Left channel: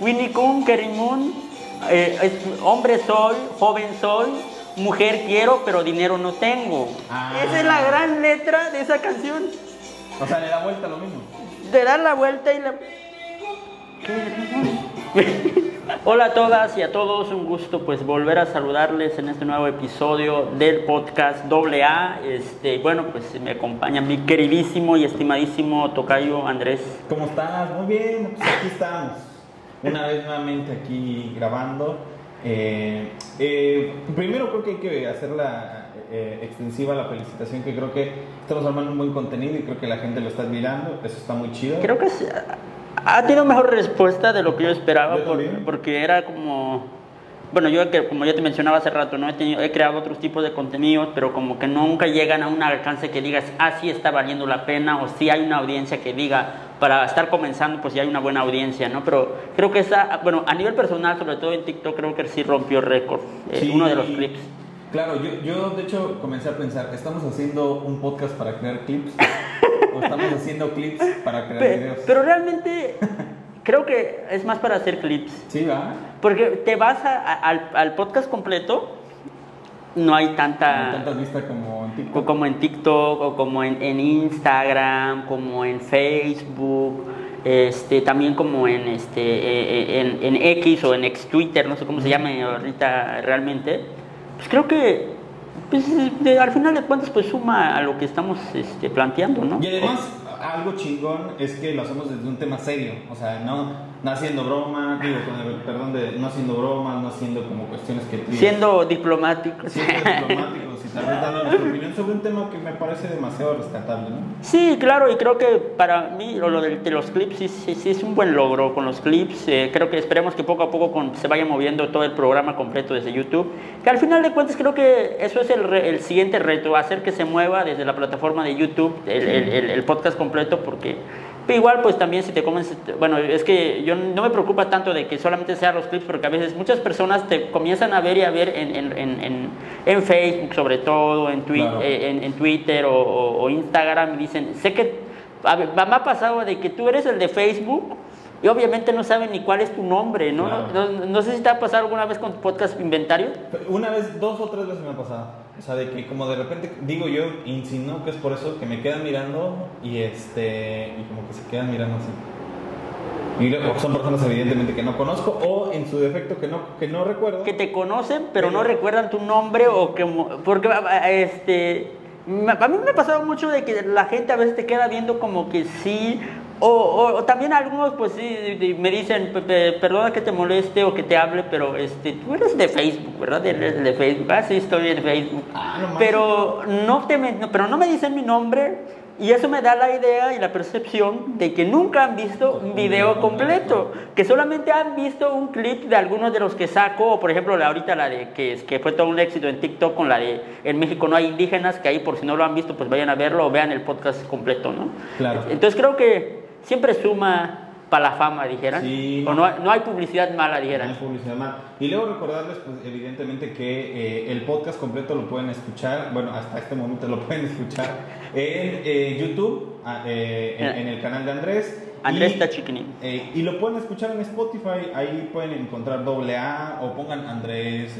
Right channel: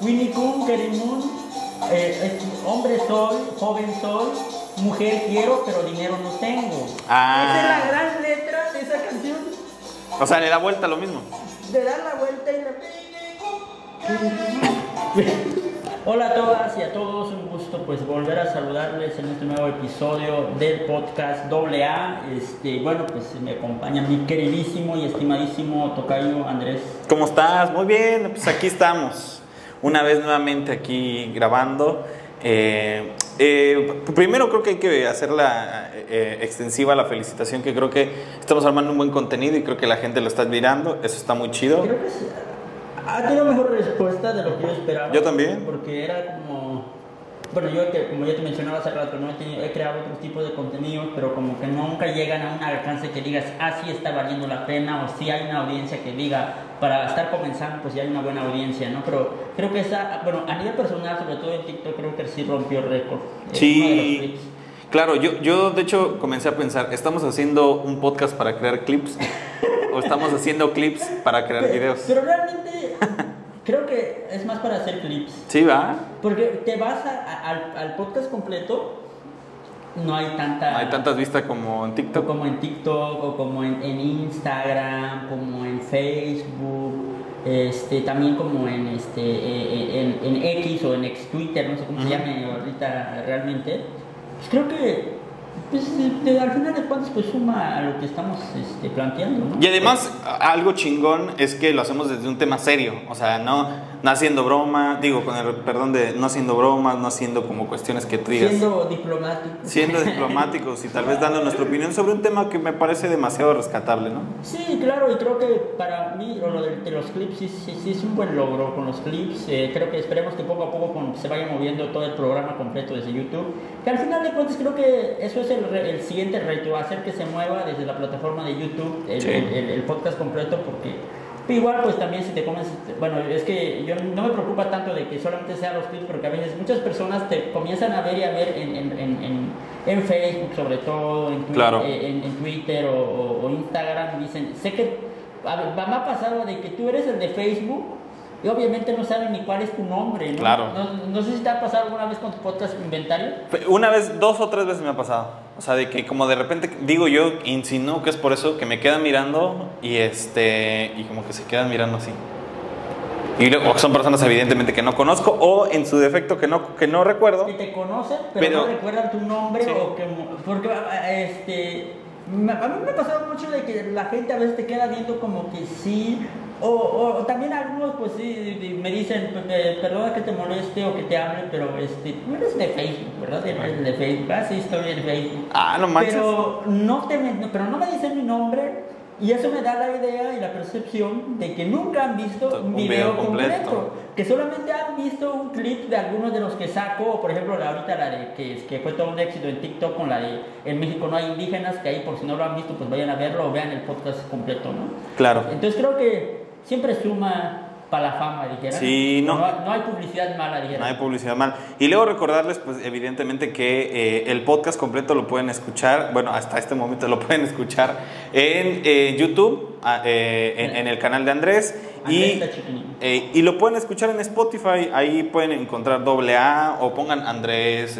Winnie Kun, Kerimun, hombre soy, joven soy, mujer quiero, pero dinero no tengo. Esa es la gran letra de esa canción. O sea, le da vuelta lo mismo. Le da la vuelta y la... Hola a todas y a todos, un gusto pues volver a saludarles en este nuevo episodio del podcast AA. Bueno, pues me acompaña mi queridísimo y estimadísimo tocayo Andrés. ¿Cómo estás? Muy bien, pues aquí estamos, una vez nuevamente aquí grabando. Primero creo que hay que hacerla extensiva la felicitación, que creo que estamos armando un buen contenido y creo que la gente lo está admirando, eso está muy chido. Creo que ha tenido mejor respuesta de lo que yo esperaba. Yo también. Porque era como... Bueno, yo como ya te mencionaba hace rato, ¿no? He creado otros tipos de contenidos, pero como que nunca llegan a un alcance que digas, sí está valiendo la pena, o sí hay una audiencia que diga, para estar comenzando, pues ya hay una buena audiencia, ¿no? Pero creo que bueno, a nivel personal, sobre todo en TikTok, creo que sí rompió récord. Sí. Uno de los clips. Claro, yo de hecho comencé a pensar, ¿estamos haciendo un podcast para crear clips? ¿O estamos haciendo clips para crear videos? Pero realmente creo que es más para hacer clips. Sí, ¿va? Porque te vas al podcast completo, no hay tantas vistas como en TikTok. Como en TikTok, o como en Instagram, como en Facebook, también como en X o en ex Twitter, no sé cómo se llame ahorita realmente. Pues creo que pues, al final de cuentas pues suma a lo que estamos planteando, ¿no? Y además algo chingón es que lo hacemos desde un tema serio, o sea, no haciendo broma, digo, con el perdón de no haciendo bromas, no haciendo como cuestiones que tú digas. Siendo diplomáticos y tal vez dando nuestra opinión sobre un tema que me parece demasiado rescatable, ¿no? Sí, claro, y creo que para mí lo de los clips sí es un buen logro con los clips. Creo que esperemos que poco a poco se vaya moviendo todo el programa completo desde YouTube, que al final de cuentas creo que eso es el siguiente reto, hacer que se mueva desde la plataforma de YouTube el podcast completo, porque igual pues también si te comes, bueno, es que yo no me preocupa tanto de que solamente sean los clips, porque a veces muchas personas te comienzan a ver y a ver en Facebook sobre todo, en Twitter o Instagram, y dicen, sé que me ha pasado de que tú eres el de Facebook y obviamente no saben ni cuál es tu nombre, ¿no? Claro. No sé si te ha pasado alguna vez con tu podcast Inventario. Una vez, 2 o 3 veces me ha pasado. O sea, de que como de repente, digo yo, insinúo que es por eso que me quedan mirando y como que se quedan mirando así. Y luego son personas evidentemente que no conozco o en su defecto que no recuerdo. Que te conocen, pero no recuerdan tu nombre, sí. Porque a mí me ha pasado mucho de que la gente a veces te queda viendo como que sí, o también algunos pues sí me dicen, perdona que te moleste o que te hable, pero tú eres de Facebook, ¿verdad? Eres de Facebook, sí, estoy en Facebook. No manches. Pero no me dicen mi nombre. Y eso me da la idea y la percepción de que nunca han visto un video completo, que solamente han visto un clip de algunos de los que saco, o por ejemplo ahorita la de que fue todo un éxito en TikTok con la de En México no hay indígenas, que ahí por si no lo han visto pues vayan a verlo o vean el podcast completo, ¿no? Claro. Entonces creo que siempre suma para la fama, dijeran. Sí, no hay publicidad mala, dijeran. No hay publicidad mala. Y luego recordarles, pues, evidentemente que el podcast completo lo pueden escuchar, bueno, hasta este momento lo pueden escuchar en YouTube, en el canal de Andrés. Andrés Tachiquini. Y lo pueden escuchar en Spotify, ahí pueden encontrar AA o pongan Andrés,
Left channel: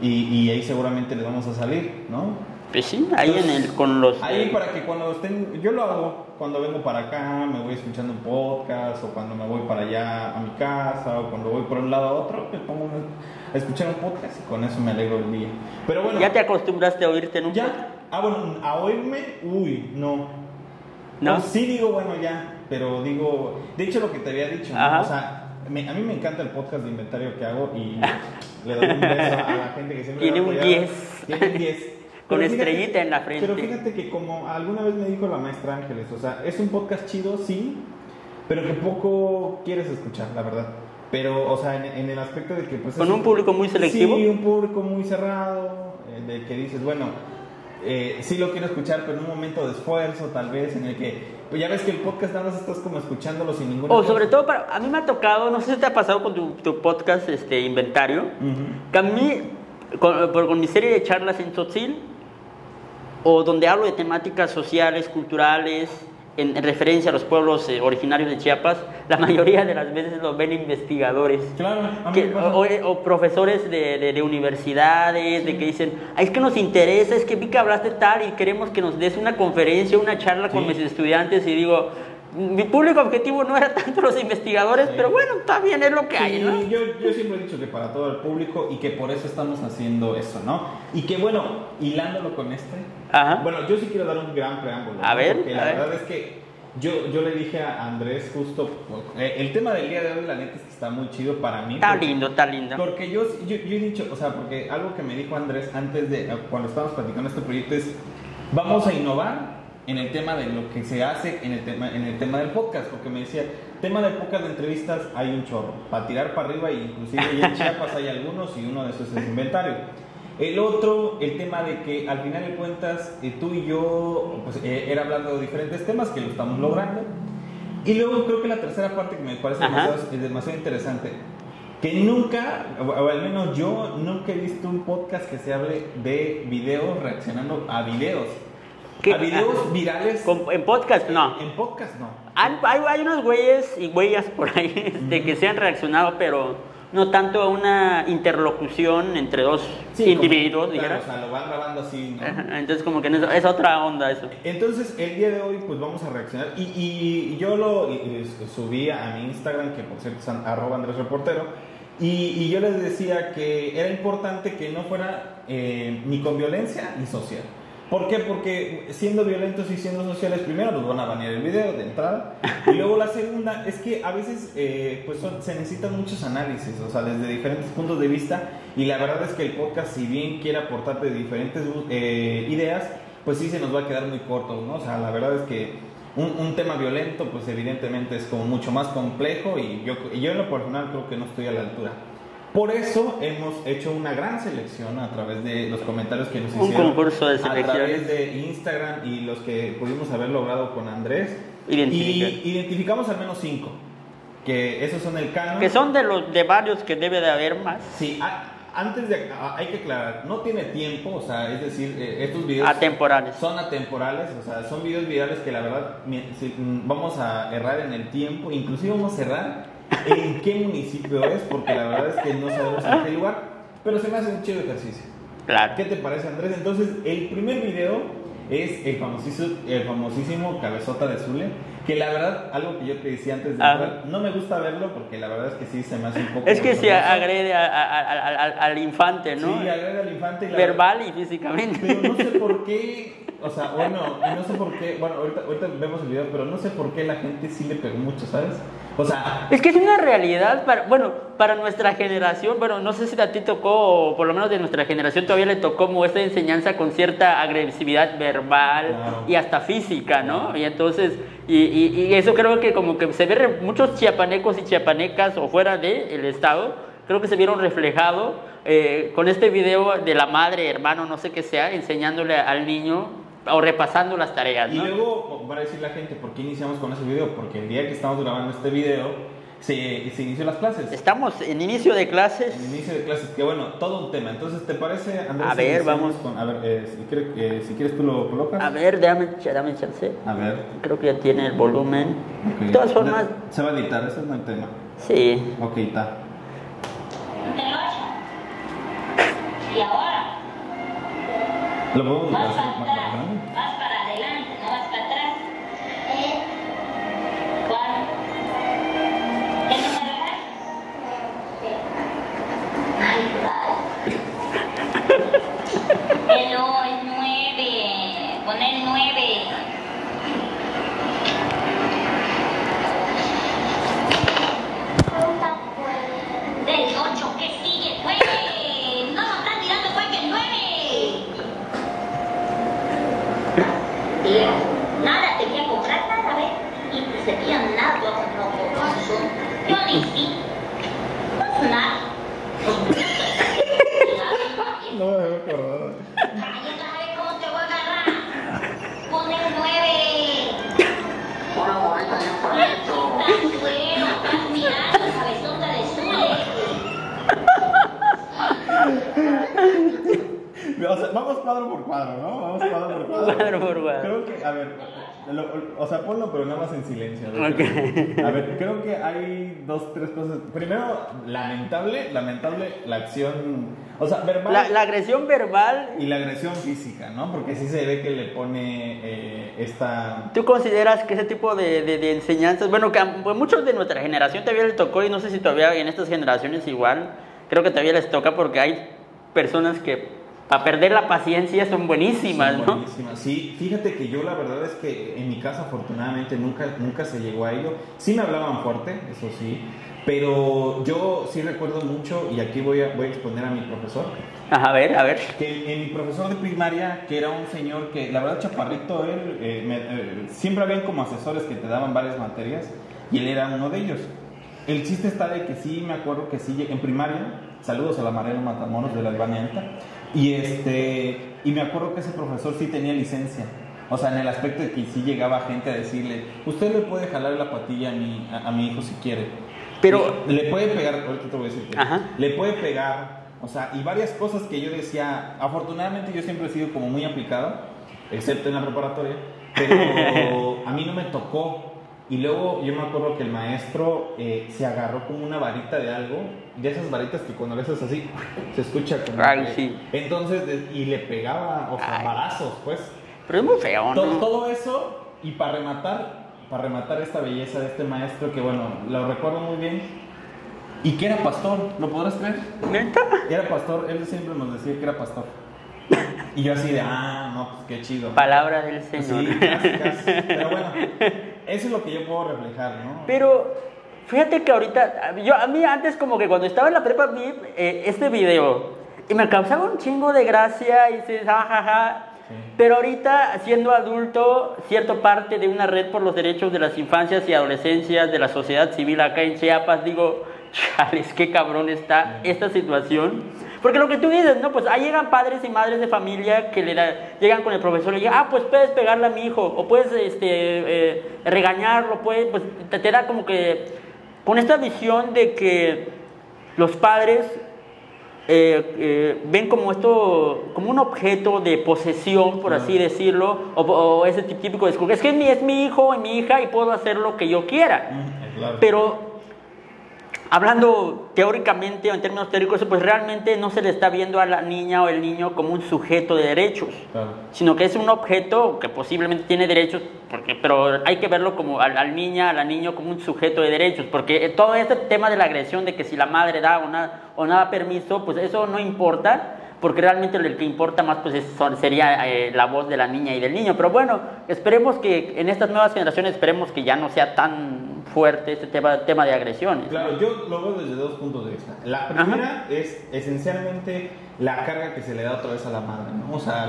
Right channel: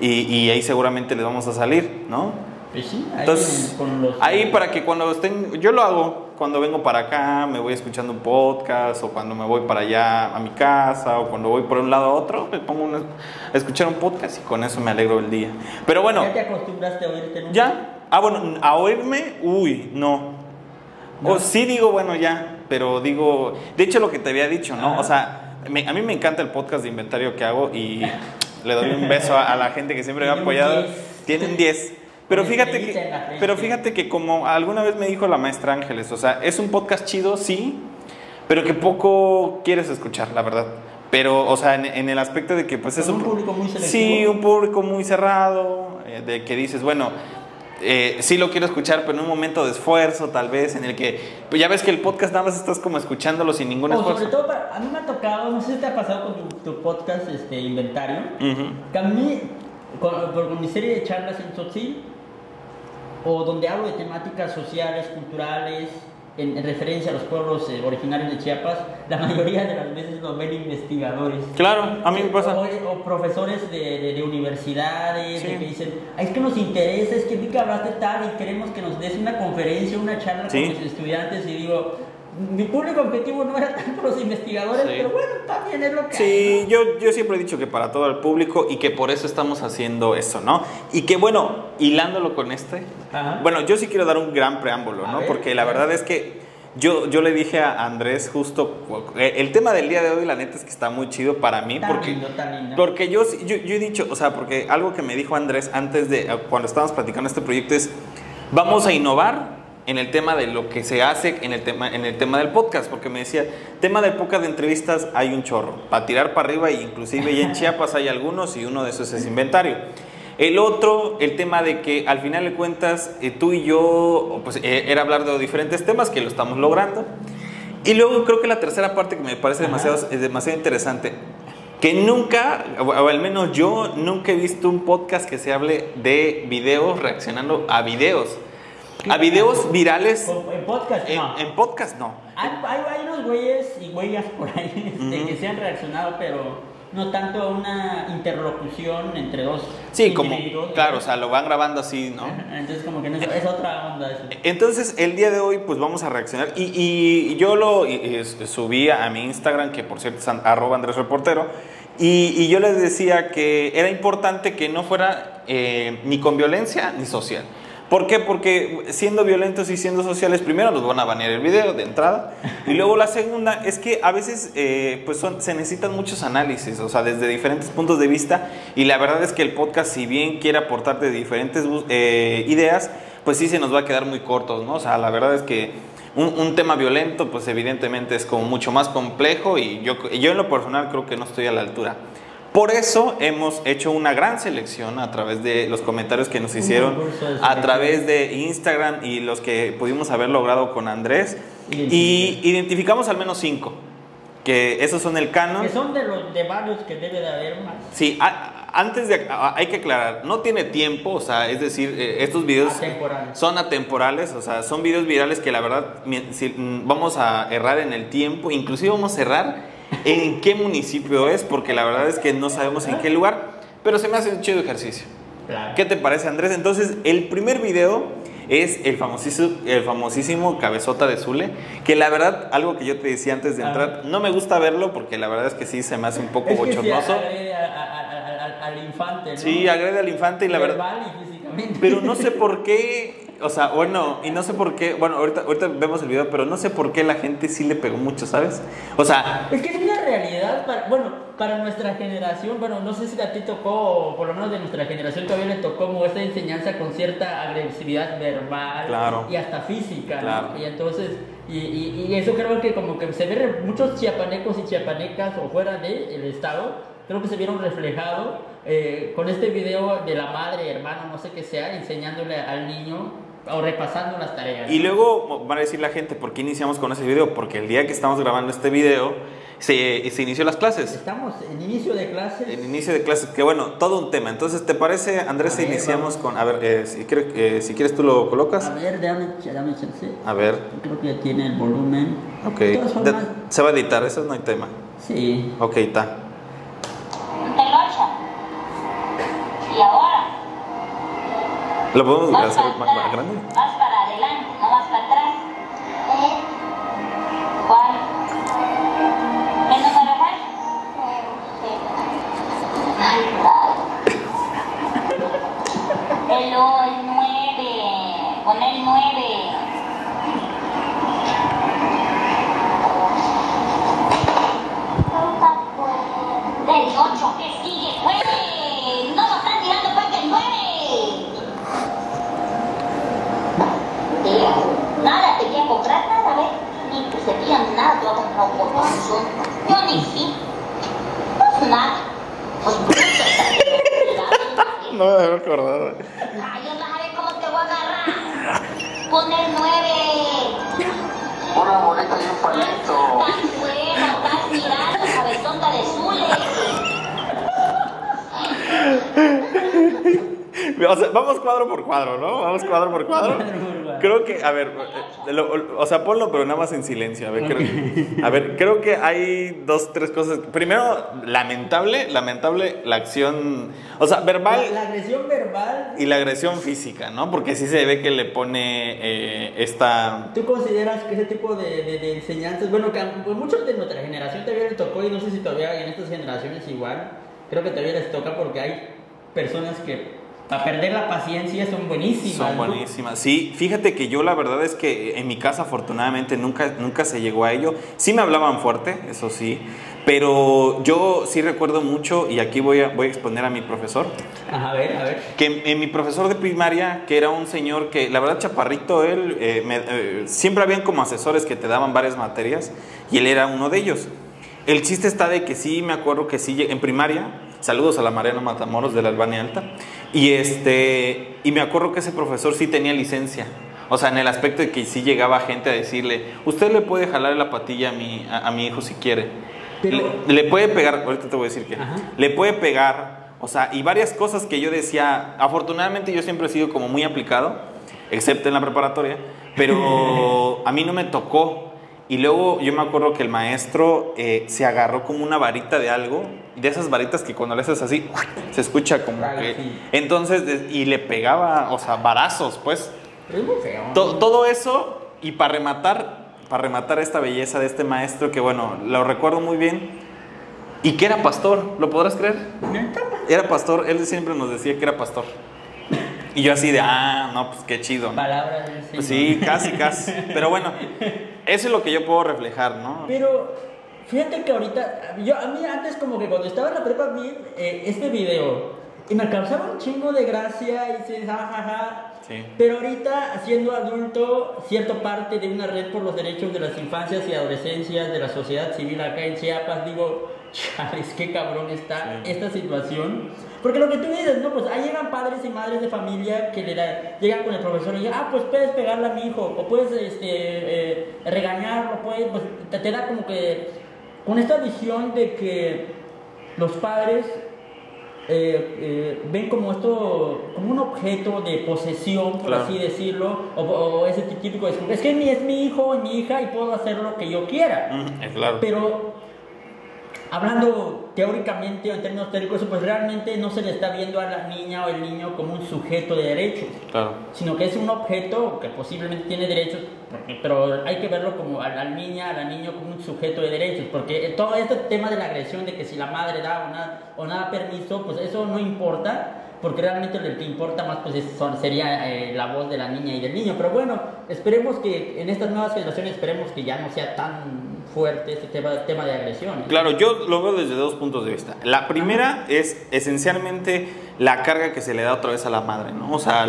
y ahí seguramente les vamos a salir, ¿no? Pues sí, ahí entonces, con los... Ahí para que cuando estén... Yo lo hago cuando vengo para acá, me voy escuchando un podcast, o cuando me voy para allá a mi casa, o cuando voy por un lado a otro, me pongo a escuchar un podcast y con eso me alegro el día. Pero bueno... ¿Ya te acostumbraste a oírte nunca? ¿Ya? Bueno, a oírme, no. Pues sí digo, bueno, ya, pero digo... De hecho, lo que te había dicho, ¿no? Ajá. O sea, a mí me encanta el podcast de inventario que hago y le doy un beso a la gente que siempre me ha apoyado. Tiene un 10. Pero fíjate que como alguna vez me dijo la maestra Ángeles, o sea, es un podcast chido, sí, pero que poco quieres escuchar, la verdad. Pero, o sea, en el aspecto de que pues es un público muy selectivo. Sí, un público muy cerrado, de que dices, bueno, sí lo quiero escuchar, pero en un momento de esfuerzo, tal vez, en el que, pues ya ves que el podcast nada más estás como escuchándolo sin ningún esfuerzo. O sobre todo, a mí me ha tocado, no sé si te ha pasado con tu podcast, Inventario, que a mí, con mi serie de charlas en Tzotzil, o donde hablo de temáticas sociales, culturales, en referencia a los pueblos originarios de Chiapas, la mayoría de las veces los ven investigadores. Claro, a mí me pasa. O profesores de universidades, de que dicen, es que nos interesa, es que vi que hablaste tal y queremos que nos des una conferencia, una charla con mis estudiantes, y digo, mi público objetivo no era tanto los investigadores, pero bueno, también es lo que hay, ¿no? yo siempre he dicho que para todo el público, y que por eso estamos haciendo eso, ¿no? Y que bueno, hilándolo con bueno, yo sí quiero dar un gran preámbulo, ¿no? Porque la verdad es que yo le dije a Andrés justo, el tema del día de hoy, la neta es que está muy chido para mí. Está lindo. Porque yo he dicho, o sea, porque algo que me dijo Andrés antes de, cuando estábamos platicando este proyecto es, vamos a innovar en el tema de lo que se hace en el tema del podcast, porque me decía, tema del podcast de entrevistas hay un chorro, para tirar para arriba, e inclusive ya en Chiapas hay algunos, y uno de esos es Inventario. El otro, el tema de que al final de cuentas tú y yo, pues era hablar de diferentes temas, que lo estamos logrando. Y luego creo que la tercera parte que me parece demasiado interesante, que nunca, o al menos yo nunca he visto un podcast que se hable de videos reaccionando a videos. ¿A videos virales? En podcast no. En podcast no. Hay unos güeyes y güeyas por ahí que se han reaccionado, pero no tanto a una interlocución entre dos individuos. Claro, o sea, lo van grabando así, ¿no? Entonces como que es otra onda eso. Entonces el día de hoy pues vamos a reaccionar, y yo lo subí a mi Instagram, que por cierto es @AndresReportero, y yo les decía que era importante que no fuera ni con violencia ni social. ¿Por qué? Porque siendo violentos y siendo sociales, primero nos van a banear el video de entrada, y luego la segunda es que a veces pues se necesitan muchos análisis, o sea, desde diferentes puntos de vista, y la verdad es que el podcast, si bien quiere aportarte diferentes ideas, pues sí se nos va a quedar muy cortos, ¿no? O sea, la verdad es que un tema violento, pues evidentemente es como mucho más complejo, y yo en lo personal creo que no estoy a la altura. Por eso hemos hecho una gran selección a través de los comentarios que nos hicieron a través de Instagram, y los que pudimos haber logrado con Andrés. Y identificamos al menos 5, que esos son el canon. Que son de varios que debe de haber más. Sí, hay que aclarar, no tiene tiempo, o sea, es decir, estos videos son atemporales, o sea, son videos virales que la verdad vamos a errar en el tiempo, inclusive vamos a errar en qué municipio es, porque la verdad es que no sabemos en qué lugar, pero se me hace un chido ejercicio. Claro. ¿Qué te parece, Andrés? Entonces, el primer video es el famosísimo Cabezota de Zule, que la verdad, algo que yo te decía antes de entrar, no me gusta verlo, porque la verdad es que sí se me hace un poco bochornoso. Es que sí agrede al infante, ¿no? Sí, agrede al infante, y la verbal verdad, y físicamente. pero no sé por qué, o sea, bueno, y no sé por qué, bueno, ahorita vemos el video, pero no sé por qué la gente sí le pegó mucho, ¿sabes? O sea, es que es una realidad para nuestra generación. Bueno, no sé si a ti tocó, o por lo menos de nuestra generación todavía le tocó como esta enseñanza con cierta agresividad verbal, claro, y hasta física, ¿no? Claro. Y entonces, y eso creo que como que se ve muchos chiapanecos y chiapanecas o fuera del estado, creo que se vieron reflejados con este video de la madre, hermano, no sé qué sea, enseñándole al niño o repasando las tareas, ¿no? Y luego van a decir la gente, ¿por qué iniciamos con ese video? Porque el día que estamos grabando este video se inició las clases. Estamos en inicio de clases. En inicio de clases, que bueno, todo un tema. Entonces, ¿te parece, Andrés, si iniciamos con... A ver, si quieres tú lo colocas. A ver, dame chance. A ver. Creo que ya tiene el volumen. Ok. De todas formas... Se va a editar, eso no hay tema. Sí. Ok, está. Y ahora... ¿Lo podemos hacer más grande? Vas para adelante, no vas para atrás. ¿Cuál? ¿Qué número vas? Ay, el 9. Pon el 9. Del 8, ¿qué sigue? ¡Güey! No nos están tirando porque el 9. Nada, te voy a comprar nada, ¿ves? Ni que se vean nada, te voy a comprar un corazón. Yo ni sí. No es nada. No me había acordado. Ay, ya vas a ver cómo te voy a agarrar. Pon el 9. Una boleta y un palito. Estás bueno, estás mirando, cabezota de Zule. o sea, vamos cuadro por cuadro, ¿no? Vamos cuadro por cuadro. Creo que, a ver, o sea, ponlo, pero nada más en silencio. A ver, creo que hay 2, 3 cosas. Primero, lamentable la acción, o sea, verbal. La agresión verbal. Y la agresión física, ¿no? Porque sí se ve que le pone esta... ¿Tú consideras que ese tipo de enseñanzas, bueno, que a muchos de nuestra generación todavía les tocó, y no sé si todavía en estas generaciones igual, creo que todavía les toca porque hay personas que para perder la paciencia son buenísimas, Son buenísimas, ¿no? Sí, fíjate que yo la verdad es que en mi casa afortunadamente nunca se llegó a ello. Sí me hablaban fuerte, eso sí, pero yo sí recuerdo mucho, y aquí voy a exponer a mi profesor. Ajá, a ver. Que mi profesor de primaria, que era un señor que, la verdad, chaparrito, él, siempre habían como asesores que te daban varias materias, y él era uno de ellos. El chiste está de que sí, me acuerdo que sí, en primaria, saludos a la Mariana Matamoros de la Albania Alta, y me acuerdo que ese profesor sí tenía licencia, o sea, en el aspecto de que sí llegaba gente a decirle, usted le puede jalar la patilla a mi hijo si quiere, pero le puede pegar, ahorita te voy a decir que, le puede pegar, o sea, y varias cosas que yo decía, afortunadamente yo siempre he sido como muy aplicado, excepto en la preparatoria, pero a mí no me tocó. Y luego yo me acuerdo que el maestro se agarró como una varita de algo, de esas varitas que cuando le haces así, se escucha como que... Sí. Entonces, y le pegaba, o sea, varazos, pues. Pero es muy feo, ¿no? Todo eso, y para rematar esta belleza de este maestro, que bueno, lo recuerdo muy bien, y que era pastor, ¿lo podrás creer? ¿Neta? Era pastor, él siempre nos decía que era pastor. Y yo así de, no, pues qué chido. Palabra del Señor. Sí, casi. Pero bueno, eso es lo que yo puedo reflejar, ¿no? Pero fíjate que ahorita, a mí antes como que cuando estaba en la prepa vi este video y me causaba un chingo de gracia y dices, jajaja. Sí. Pero ahorita, siendo adulto, siendo parte de una red por los derechos de las infancias y adolescencias de la sociedad civil acá en Chiapas, digo, chales, qué cabrón está esta situación. Porque lo que tú dices, ¿no? Pues ahí llegan padres y madres de familia que llegan con el profesor y le dicen, pues puedes pegarle a mi hijo, o puedes regañarlo, pues te da como que con esta visión de que los padres ven como esto, como un objeto de posesión, por así decirlo, o ese típico discurso, es que es mi hijo o mi hija y puedo hacer lo que yo quiera. Claro. Pero hablando teóricamente o en términos teóricos, pues realmente no se le está viendo a la niña o el niño como un sujeto de derechos, sino que es un objeto que posiblemente tiene derechos, pero hay que verlo como a la niño como un sujeto de derechos, porque todo este tema de la agresión, de que si la madre da o no da permiso, pues eso no importa, porque realmente lo que importa más pues sería la voz de la niña y del niño. Pero bueno, esperemos que en estas nuevas generaciones, esperemos que ya no sea tan fuerte este tema de agresiones. Claro, yo lo veo desde 2 puntos de vista. La primera es esencialmente la carga que se le da otra vez a la madre, ¿no? O sea,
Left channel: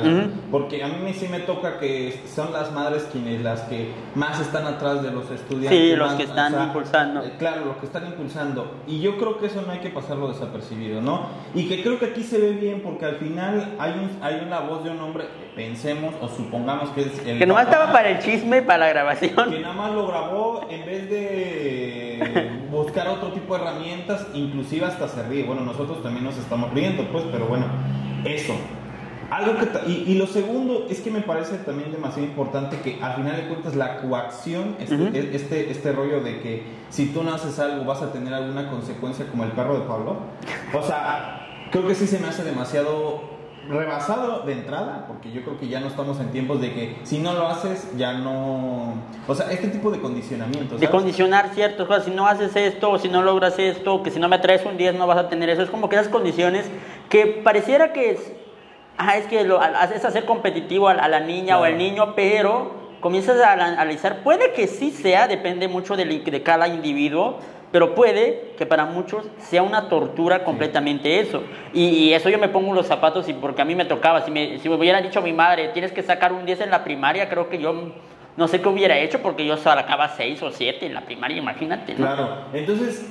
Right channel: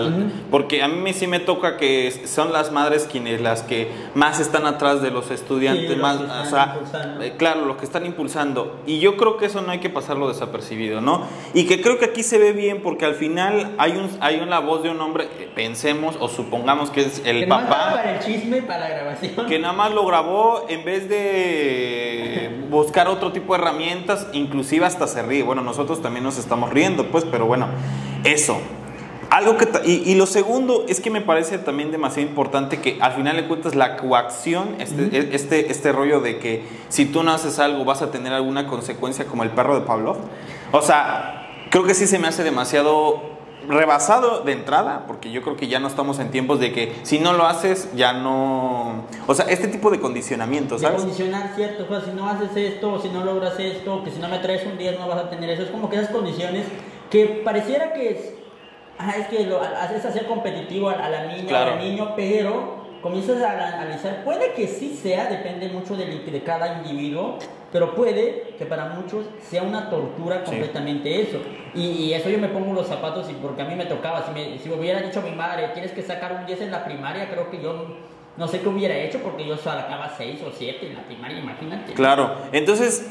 porque a mí sí me toca que son las madres quienes las que más están atrás de los estudiantes. Sí, los más, que están impulsando. Claro, los que están impulsando. Y yo creo que eso no hay que pasarlo desapercibido, ¿no? Y que creo que aquí se ve bien porque al final hay una voz de un hombre, pensemos o supongamos que es el que papá. Que nomás estaba para el chisme, para la grabación. Que nada más lo grabó en vez de buscar otro tipo de herramientas, inclusive hasta se ríe. Bueno, nosotros también nos estamos riendo, pues, pero bueno, eso. Algo que y lo segundo es que me parece también demasiado importante que al final de cuentas la coacción, este rollo de que si tú no haces algo vas a tener alguna consecuencia, como el perro de Pavlov. O sea, creo que sí se me hace demasiado rebasado de entrada, porque yo creo que ya no estamos en tiempos de que si no lo haces ya no, o sea, este tipo de condicionamientos, ¿sabes? De condicionar ciertas cosas, si no haces esto, o si no logras esto, que si no me traes un 10 no vas a tener eso, es como que esas condiciones que pareciera que es hacer competitivo a la niña o al niño, pero comienzas a analizar, puede que sí sea, depende mucho de cada individuo, pero puede que para muchos sea una tortura completamente eso. Y eso yo me pongo los zapatos, y porque a mí me tocaba, si me hubiera dicho mi madre, tienes que sacar un 10 en la primaria, creo que yo no sé qué hubiera hecho, porque yo sacaba 6 o 7 en la primaria, imagínate. Claro, entonces,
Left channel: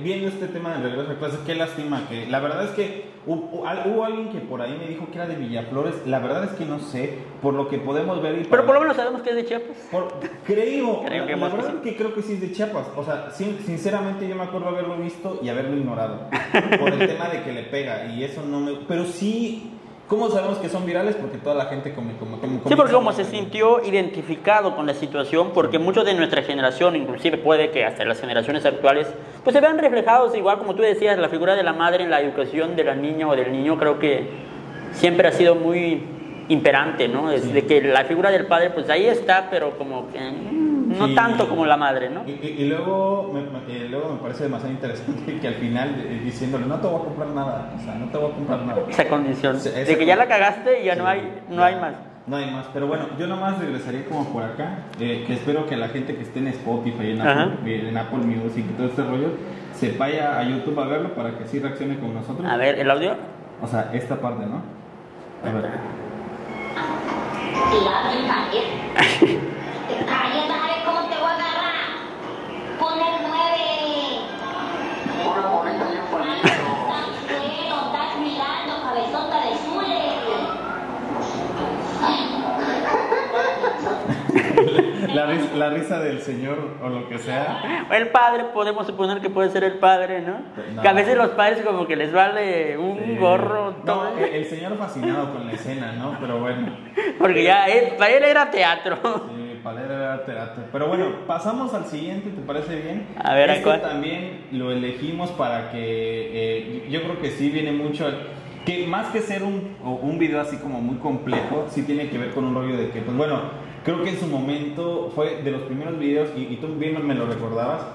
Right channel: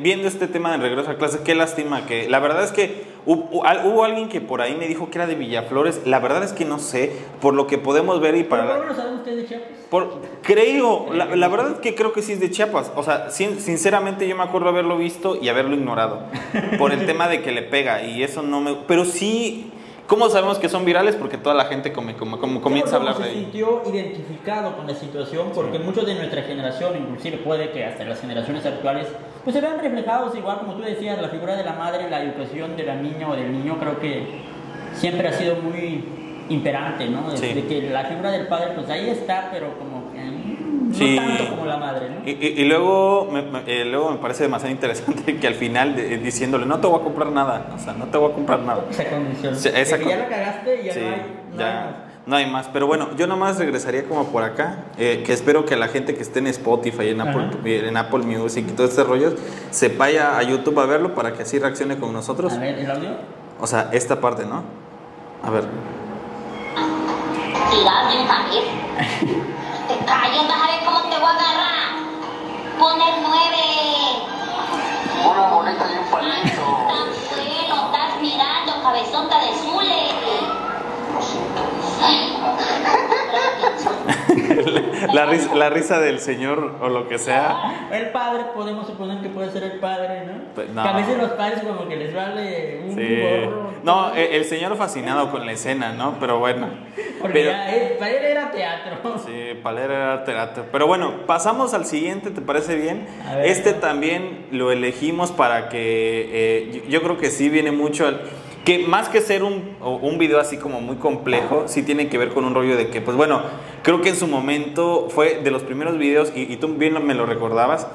viendo este tema de regreso a clase, qué lástima que, la verdad es que hubo alguien que por ahí me dijo que era de Villaflores, la verdad es que no sé, por lo que podemos ver y pero por lo menos sabemos que es de Chiapas. Creo, la verdad es que creo que sí es de Chiapas, o sea, sinceramente yo me acuerdo haberlo visto y haberlo ignorado, por el tema de que le pega, y eso no me... Pero sí... ¿Cómo sabemos que son virales? Porque toda la gente comienza Sí, a porque como hablar se de ello. sintió identificado con la situación, porque muchos de nuestra generación, inclusive puede que hasta las generaciones actuales, pues se vean reflejados, igual como tú decías, la figura de la madre en la educación de la niña o del niño, creo que siempre ha sido muy imperante, ¿no? Sí. De que la figura del padre, pues ahí está, pero como que no Sí. tanto como la madre, ¿no? Y luego me parece demasiado interesante que al final diciéndole, no te voy a comprar nada, o sea, no te voy a comprar nada. Esa condición. Sí, esa de que ya con- la cagaste y ya Sí, no hay ya, más. No hay más, pero bueno, yo nomás regresaría como por acá, que espero que la gente que esté en Spotify, en Apple Music y todo este rollo, se vaya a YouTube a verlo para que así reaccione con nosotros. A ver, ¿el audio? O sea, esta parte, ¿no? A ver. Tira de un también. Te calles, vas a ver cómo te voy a agarrar. Pon el 9. Una bolita y un palito. Tan bueno, estás mirando, cabezota de Zule. La risa del señor o lo que sea. El padre, podemos suponer que puede ser el padre, ¿no? Pues, no. Que a veces los padres como que les vale un Sí. gorro. No, el señor fascinado con la escena, ¿no? Pero bueno. Porque Pero- ya para él era teatro. Sí, Palera era teatro. Pero bueno, pasamos al siguiente, ¿te parece bien? A ver, este ¿cuál? también lo elegimos para que yo creo que sí viene mucho que más que ser un video así como muy complejo, sí tiene que ver con un rollo de que, pues bueno, creo que en su momento fue de los primeros videos, y tú bien me lo recordabas,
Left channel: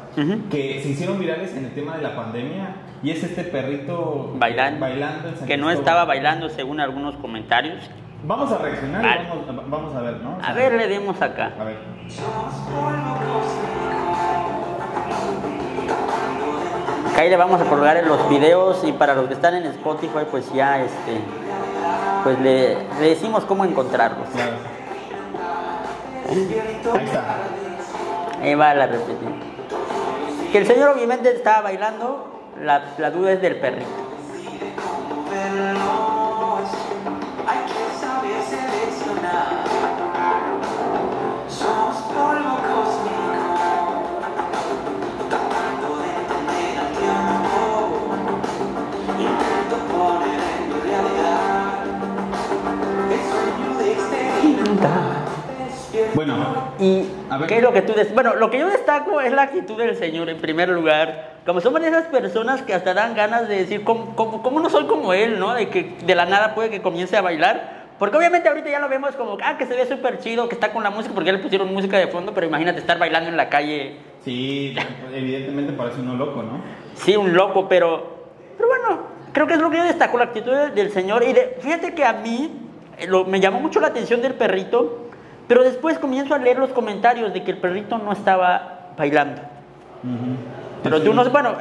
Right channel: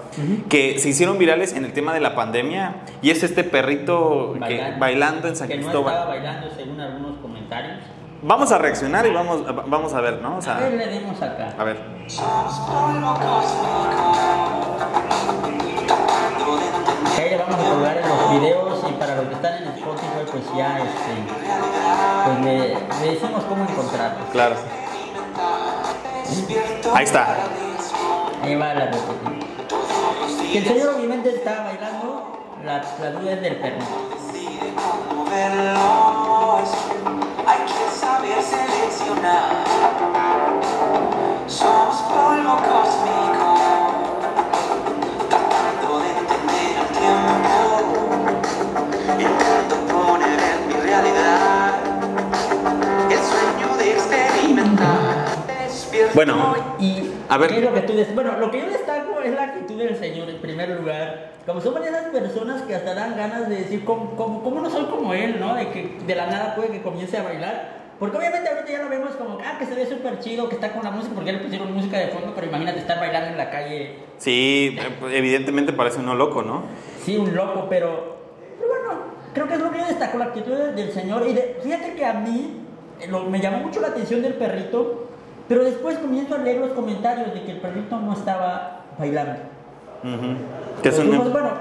que se hicieron virales en el tema de la pandemia, y es este perrito bailando en San Que no Cristóbal. estaba bailando según algunos comentarios. Vamos a reaccionar y Ah. vamos a ver, ¿no? O sea, A ver, le dimos acá. a ver. Acá ahí le vamos a colgar en los videos y para los que están en Spotify pues ya pues le decimos cómo encontrarlos. Claro. Ahí está. Ahí va la repetición. Que el señor obviamente estaba bailando, la duda es del perrito. Hay que saber seleccionar. Somos polvo cósmico, tratando de entender el tiempo. Intento poner en mi realidad el sueño de experimentar. Despierto. Bueno, Y a ver. ¿qué es lo que tú bueno, lo que yo destaco es la actitud del señor en primer lugar. Como somos esas personas que hasta dan ganas de decir cómo no soy como él, ¿no? De que de la nada puede que comience a bailar. Porque obviamente ahorita ya lo vemos como que se ve súper chido, que está con la música, porque ya le pusieron música de fondo, pero imagínate estar bailando en la calle. Sí, evidentemente parece uno loco, ¿no? Sí, un loco, pero bueno, creo que es lo que yo destaco, la actitud del señor. Y fíjate que a mí me llamó mucho la atención del perrito, pero después comienzo a leer los comentarios de que el perrito no estaba bailando. Pero tú no sé, bueno,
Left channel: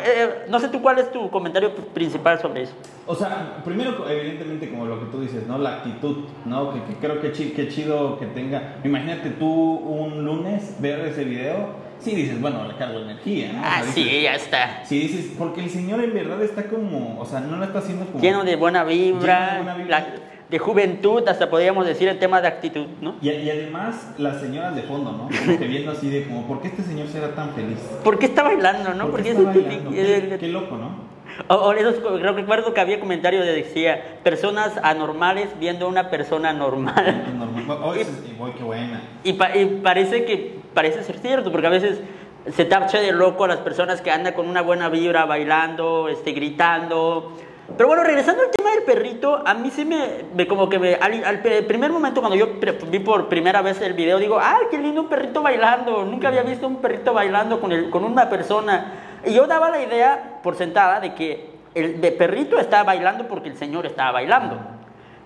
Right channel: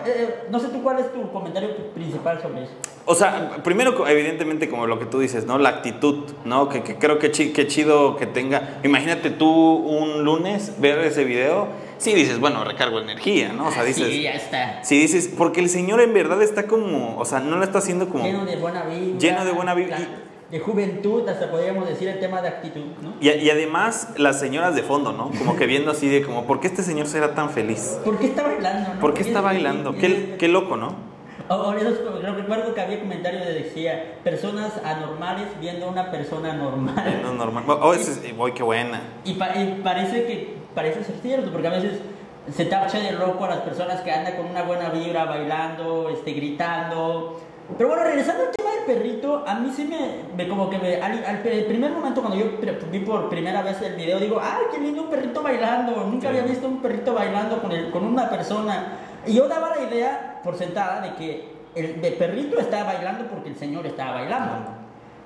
no sé tú cuál es tu comentario principal sobre eso. O sea, primero, evidentemente, como lo que tú dices, ¿no? La actitud, ¿no? Que creo que chido que tenga. Imagínate tú un lunes ver ese video, sí dices, bueno, recargo energía, ¿no? O sea, dices, sí, ya está. sí dices, porque el señor en verdad está como, o sea, no lo está haciendo como... Lleno de buena vibra. Lleno de buena vibra. De juventud, hasta podríamos decir el tema de actitud, ¿no? Y además, las señoras de fondo, ¿no? Como que viendo así de como, ¿por qué este señor será tan feliz? ¿Por qué está bailando, no? ¿Por qué está bailando? Qué loco, ¿no? O creo que recuerdo que había comentarios que decía personas anormales viendo a una persona normal. No, normal. Oh, qué buena. Y parece ser cierto, porque a veces se tacha de loco a las personas que andan con una buena vibra bailando, gritando. Pero bueno, regresando al tema del perrito, a mí sí al primer momento cuando yo vi por primera vez el video, digo, ¡ay, qué lindo un perrito bailando! Nunca había visto un perrito bailando con una persona. Y yo daba la idea por sentada de que el perrito estaba bailando porque el señor estaba bailando.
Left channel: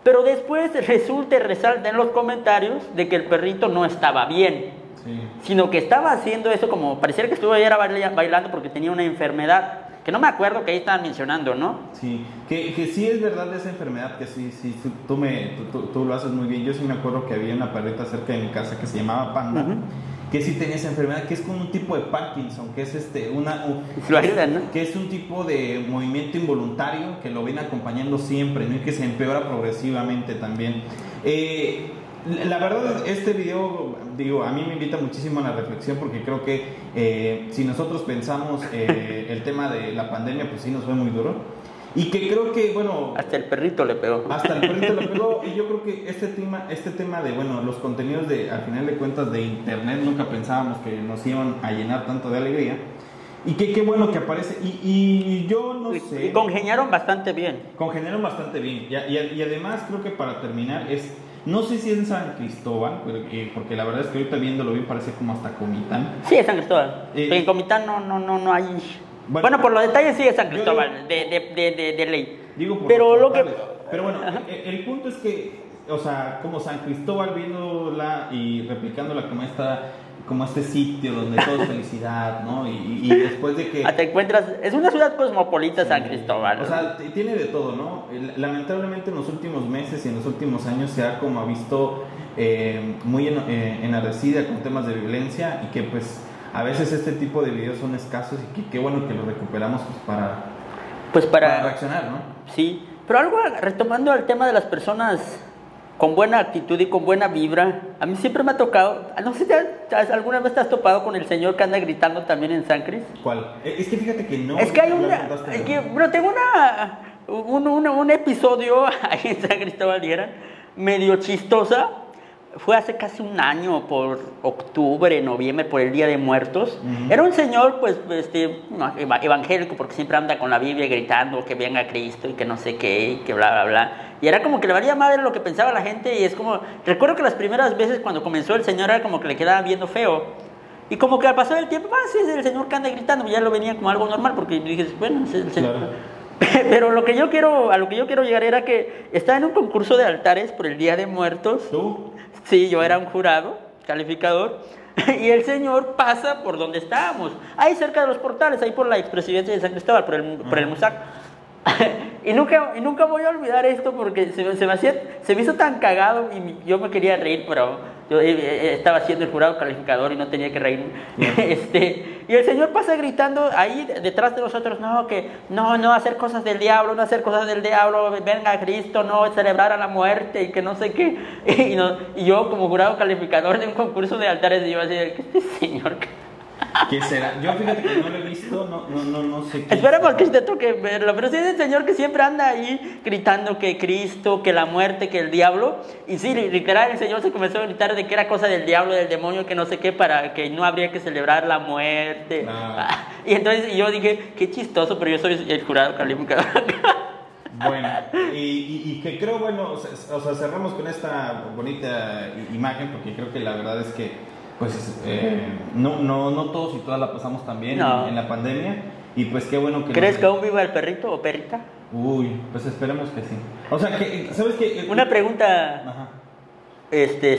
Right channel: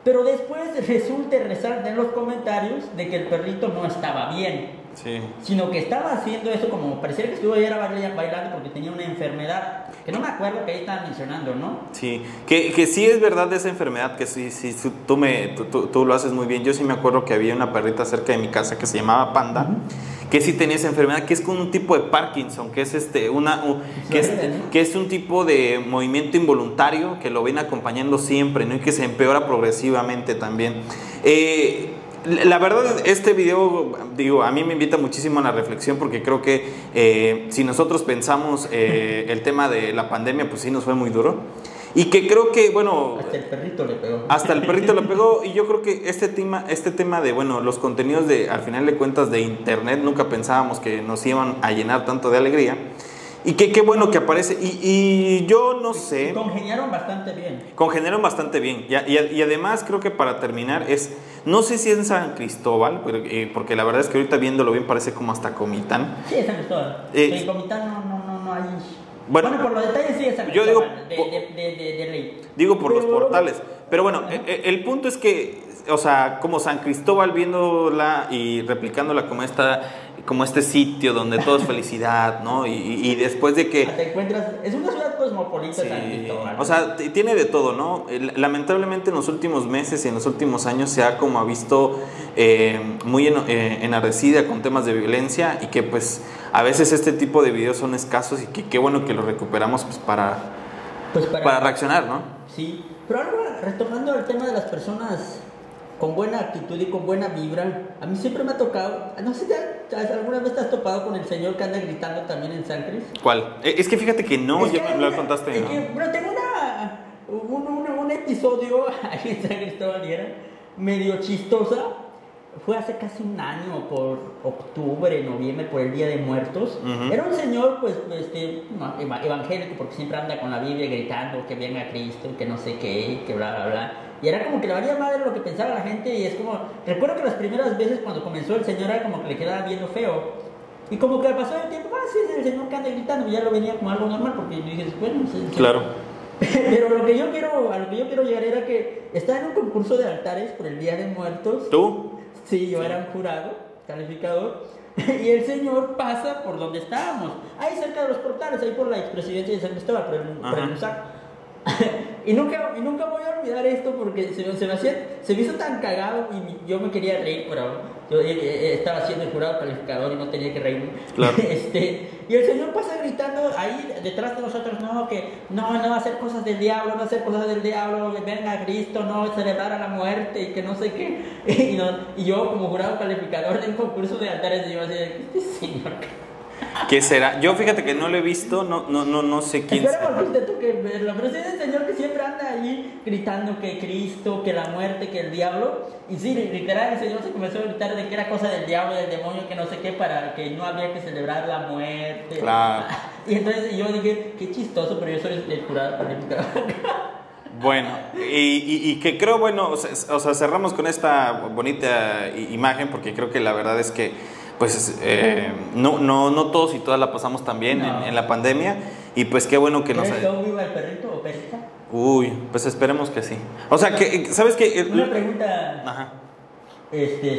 Pero después resalta en los comentarios de que el perrito no estaba bien. Sí. Sino que estaba haciendo eso como pareciera que estuviera bailando porque tenía una enfermedad, que no me acuerdo que ahí estaban mencionando, ¿no? Sí, que sí es verdad de esa enfermedad, que sí, tú lo haces muy bien. Yo sí me acuerdo que había una perrita cerca de mi casa que se llamaba Panda, que sí tenía esa enfermedad, que es con un tipo de Parkinson, que es que es un tipo de movimiento involuntario que lo ven acompañando siempre, ¿no? Y que se empeora progresivamente también. La verdad, este video, digo, a mí me invita muchísimo a la reflexión, porque creo que si nosotros pensamos el tema de la pandemia, pues sí nos fue muy duro. Y que creo que, bueno... Hasta el perrito le pegó. Hasta el perrito le pegó. Y yo creo que este tema de, bueno, los contenidos de, al final de cuentas, de internet, nunca pensábamos que nos iban a llenar tanto de alegría. Y que qué bueno que aparece. Y yo no sé... Y congeniaron bastante bien. Congeniaron bastante bien. Y además creo que para terminar es... No sé si es en San Cristóbal, pero, porque la verdad es que ahorita viéndolo bien parece como hasta Comitán. Sí, es San Cristóbal. En Comitán no hay... Bueno, por los detalles sí es San Cristóbal, de ley. Digo por los portales. Pero bueno, el punto es que, o sea, como San Cristóbal viéndola y replicándola como este sitio donde todo es felicidad, ¿no? Y después de que... Te encuentras... Es una ciudad cosmopolita, sí, San Cristóbal. O sea, tiene de todo, ¿no? Lamentablemente en los últimos meses y en los últimos años se ha como visto muy enardecida con temas de violencia y que pues a veces este tipo de videos son escasos y que qué bueno que los recuperamos pues para reaccionar, ¿no? Sí, pero algo retomando al tema de las personas con buena actitud y con buena vibra, a mí siempre me ha tocado, no sé si alguna vez te has topado con el señor que anda gritando también en San Cris. ¿Cuál? Es que fíjate que no, es que me lo contaste. Es que, bueno, tengo un episodio ahí en San Cristóbal y era medio chistosa. Fue hace casi un año, por octubre, noviembre, por el Día de Muertos. Era un señor, pues, evangélico, porque siempre anda con la Biblia gritando que venga Cristo y que no sé qué, que bla, bla, bla. Y era como que le valía madre lo que pensaba la gente y es como... Recuerdo que las primeras veces cuando comenzó el señor era como que le quedaba viendo feo. Y como que al pasar el tiempo, sí, es el señor que anda gritando, y ya lo venía como algo normal, porque dije, bueno, es el señor. Claro. Pero a lo que yo quiero llegar era que estaba en un concurso de altares por el Día de Muertos. ¿Tú? Sí, yo era un jurado, calificador, y el señor pasa por donde estábamos, ahí cerca de los portales, ahí por la expresidencia de San Cristóbal, por el MUSAC. Y nunca voy a olvidar esto porque se me hizo tan cagado y yo me quería reír, pero yo estaba siendo el jurado calificador y no tenía que reírme. Claro. Y el señor pasa gritando ahí detrás de nosotros, no hacer cosas del diablo, venga Cristo, no celebrar a la muerte y que no sé qué. Y yo como jurado calificador de un concurso de altares, yo así, ¿qué señor? ¿Qué será? Yo fíjate que no lo he visto, no sé quién. Esperemos que te toque verlo, pero sí es el señor que siempre anda ahí gritando que Cristo, que la muerte, que el diablo. Y sí, literal, el señor se comenzó a gritar de que era cosa del diablo, del demonio, que no sé qué, para que no habría que celebrar la muerte. Claro. Y entonces yo dije, qué chistoso, pero yo soy el jurado calificador. Bueno, y que creo, bueno, o sea, cerramos con esta bonita imagen porque creo que la verdad es que pues no todos y todas la pasamos tan bien en la pandemia y pues qué bueno que ¿Crees que aún viva el perrito o perrita? Uy, pues esperemos que sí. O sea, que ¿sabes qué? Una pregunta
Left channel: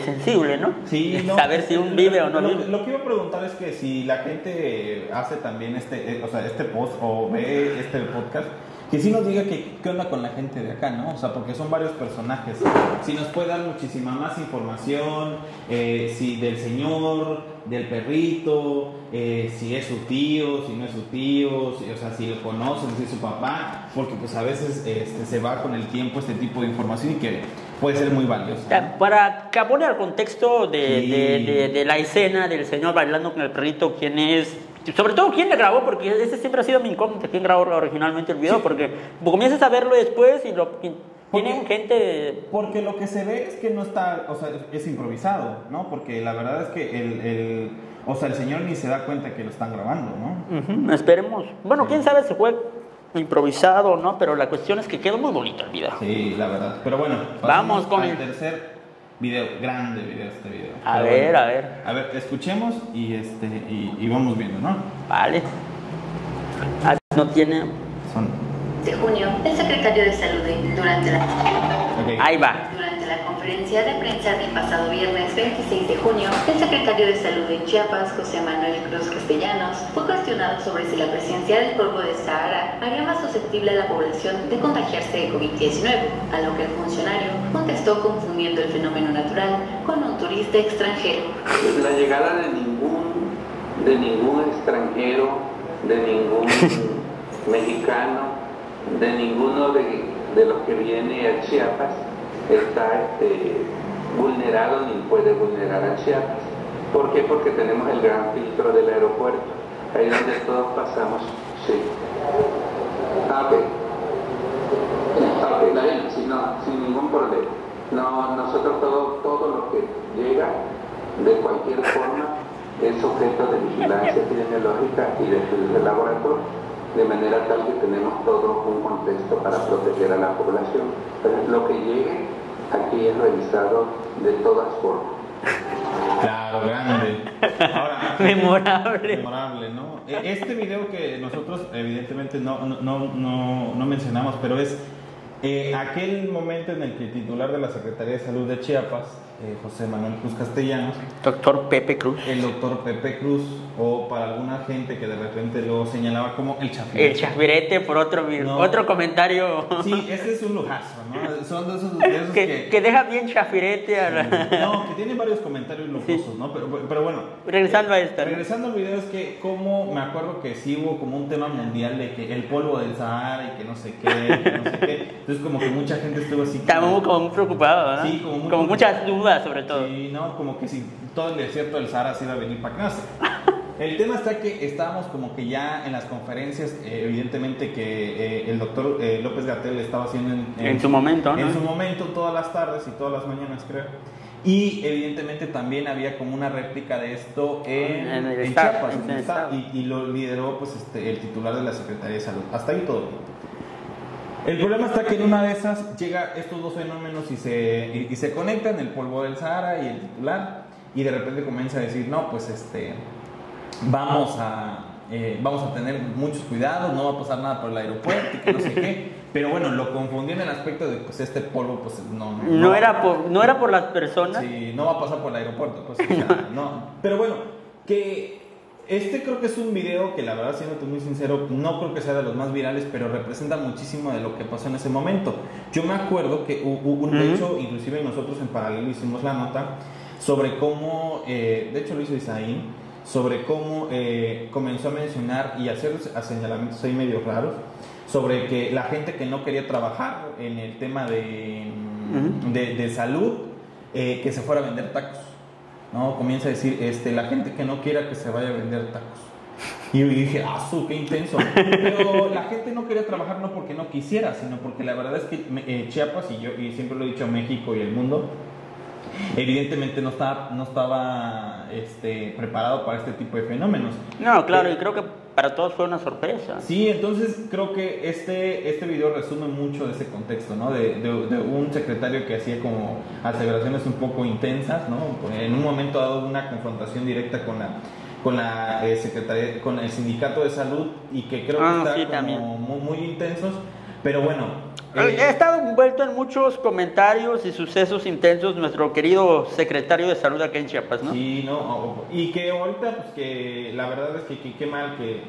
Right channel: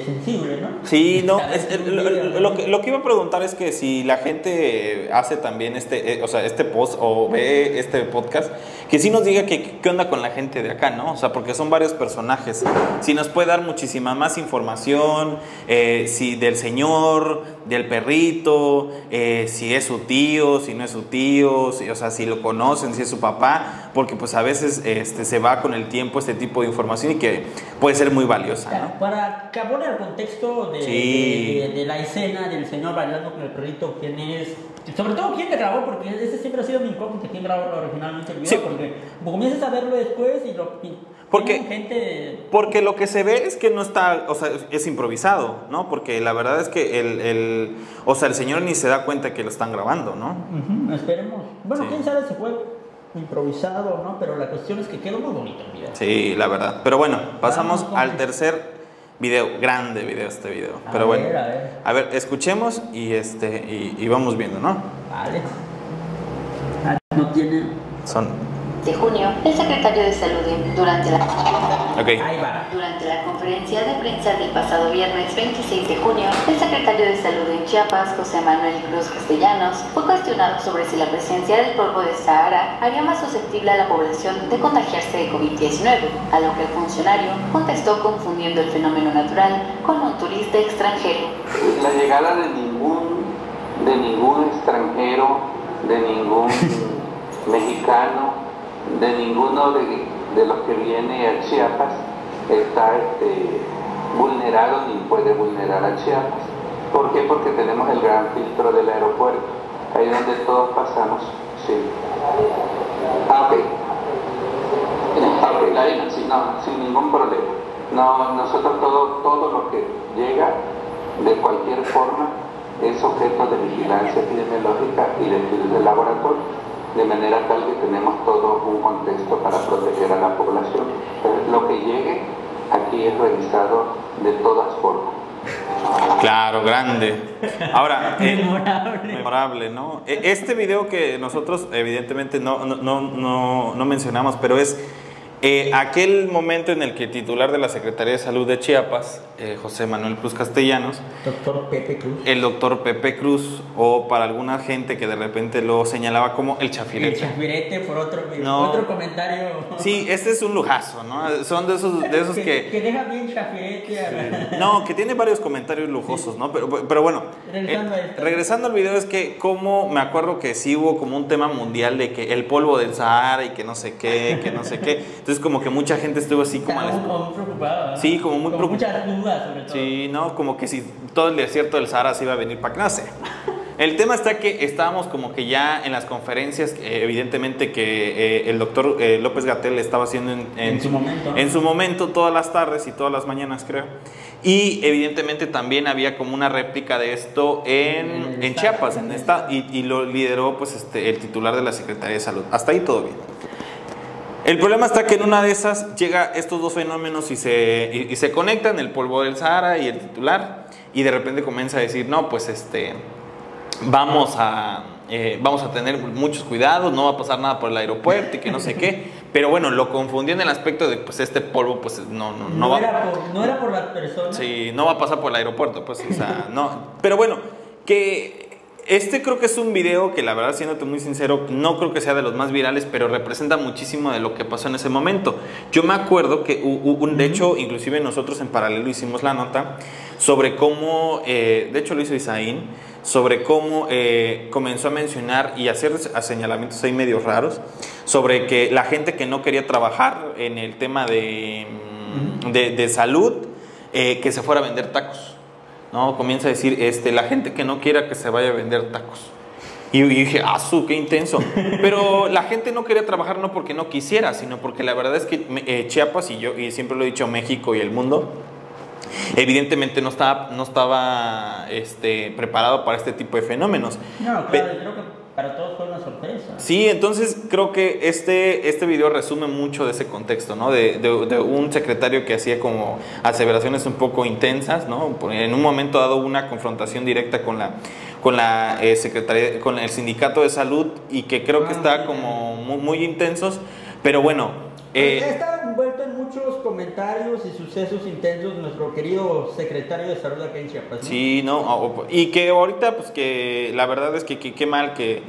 sensible, ¿no? Sí, no. Un video, lo que iba a preguntar es que si la gente hace también este post o ve este podcast, que sí nos diga qué onda con la gente de acá, ¿no? O sea, porque son varios personajes. Si nos puede dar muchísima más información, si del señor, del perrito, si es su tío, si no es su tío, o sea, si lo conocen, si es su papá, porque pues a veces se va con el tiempo este tipo de información y que puede ser muy valiosa, ¿no? Para que abone al contexto de la escena del señor bailando con el perrito, quién es, sobre todo quién le grabó, porque ese siempre ha sido mi incógnita, quién grabó originalmente el video, sí. Porque comienzas a verlo después y porque lo que se ve es que no está, o sea, es improvisado, ¿no? Porque la verdad es que el señor ni se da cuenta que lo están grabando, ¿no? Esperemos. Bueno, sí. Quién sabe si fue improvisado, ¿no? Pero la cuestión es que quedó muy bonito el video. Sí, la verdad. Pero bueno, pasamos al tercer video, grande video este video. A ver. A ver, escuchemos y vamos viendo, ¿no? Vale. No tiene... De junio, el secretario de Salud durante la conferencia de prensa del pasado viernes 26 de junio, el secretario de Salud en Chiapas, José Manuel Cruz Castellanos, fue cuestionado sobre si la presencia del polvo de Sahara haría más susceptible a la población de contagiarse de COVID-19, a lo que el funcionario contestó confundiendo el fenómeno natural con un turista extranjero. La llegada de ningún extranjero, de ningún mexicano, de ninguno de los que viene a Chiapas está vulnerado ni puede vulnerar a Chiapas. ¿Por qué? Porque tenemos el gran filtro del aeropuerto, ahí donde todos pasamos. Sí. Ok. No, sin ningún problema. No, nosotros todo lo que llega de cualquier forma es objeto de vigilancia epidemiológica y de estudios de laboratorio, de manera tal que tenemos todo un contexto para proteger a la población. Entonces, lo que llegue aquí es revisado de todas formas. Claro, grande. Ahora, memorable, ¿no? Este video que nosotros evidentemente no mencionamos, pero es aquel momento en el que el titular de la Secretaría de Salud de Chiapas, José Manuel Cruz Castellanos, doctor Pepe Cruz, el doctor Pepe Cruz, o para alguna gente que de repente lo señalaba como el chafirete. El chafirete por otro comentario. Sí, este es un lujazo, ¿no? Son de esos que deja bien chafirete a la... No, que tiene varios comentarios lujosos, sí. ¿No? Pero bueno, regresando a esto. Regresando al video, es que como me acuerdo que sí hubo como un tema mundial de que el polvo del Sahara y que no sé qué, Entonces como que mucha gente estuvo así como muy preocupada, ¿verdad? Sí, como muchas dudas sobre todo. Sí, no, como que si todo el desierto del Sahara se iba a venir para acá, no sé. El tema está que estábamos como que ya en las conferencias, evidentemente que el doctor López-Gatell estaba haciendo en su momento, ¿no? En su momento, todas las tardes y todas las mañanas, creo. Y evidentemente también había como una réplica de esto en Chiapas, en el estado. Y lo lideró pues el titular de la Secretaría de Salud. Hasta ahí todo bien. El problema está que en una de esas llega estos dos fenómenos y se conectan, el polvo del Sahara y el titular, y de repente comienza a decir, no, pues vamos a tener muchos cuidados, no va a pasar nada por el aeropuerto y que no sé qué. Pero bueno, lo confundió en el aspecto de pues este polvo pues no era por las personas. Sí, no va a pasar por el aeropuerto, pues, o sea, no. Pero bueno, que creo que es un video que la verdad, siéndote muy sincero, no creo que sea de los más virales, pero representa muchísimo de lo que pasó en ese momento. Yo me acuerdo que de hecho, inclusive nosotros en paralelo hicimos la nota sobre cómo, de hecho lo hizo Isaín, sobre cómo comenzó a mencionar y hacer señalamientos ahí medios raros sobre que la gente que no quería trabajar en el tema de salud, que se fuera a vender tacos. No, comienza a decir, la gente que no quiera que se vaya a vender tacos. Y dije, qué intenso. Pero la gente no quería trabajar no porque no quisiera, sino porque la verdad es que Chiapas, y siempre lo he dicho, México y el mundo, evidentemente no estaba preparado para este tipo de fenómenos. No, claro, y creo que para todos fue una sorpresa. Sí, entonces creo que este video resume mucho de ese contexto, ¿no? De un secretario que hacía como aseveraciones un poco intensas, ¿no? En un momento dado una confrontación directa con la secretaría, con el sindicato de salud, y que creo que está como muy intensos, pero bueno. Ha estado envuelto en muchos comentarios y sucesos intensos nuestro querido secretario de salud acá en Chiapas, ¿no? Sí, no, y que ahorita pues que la verdad es que qué mal que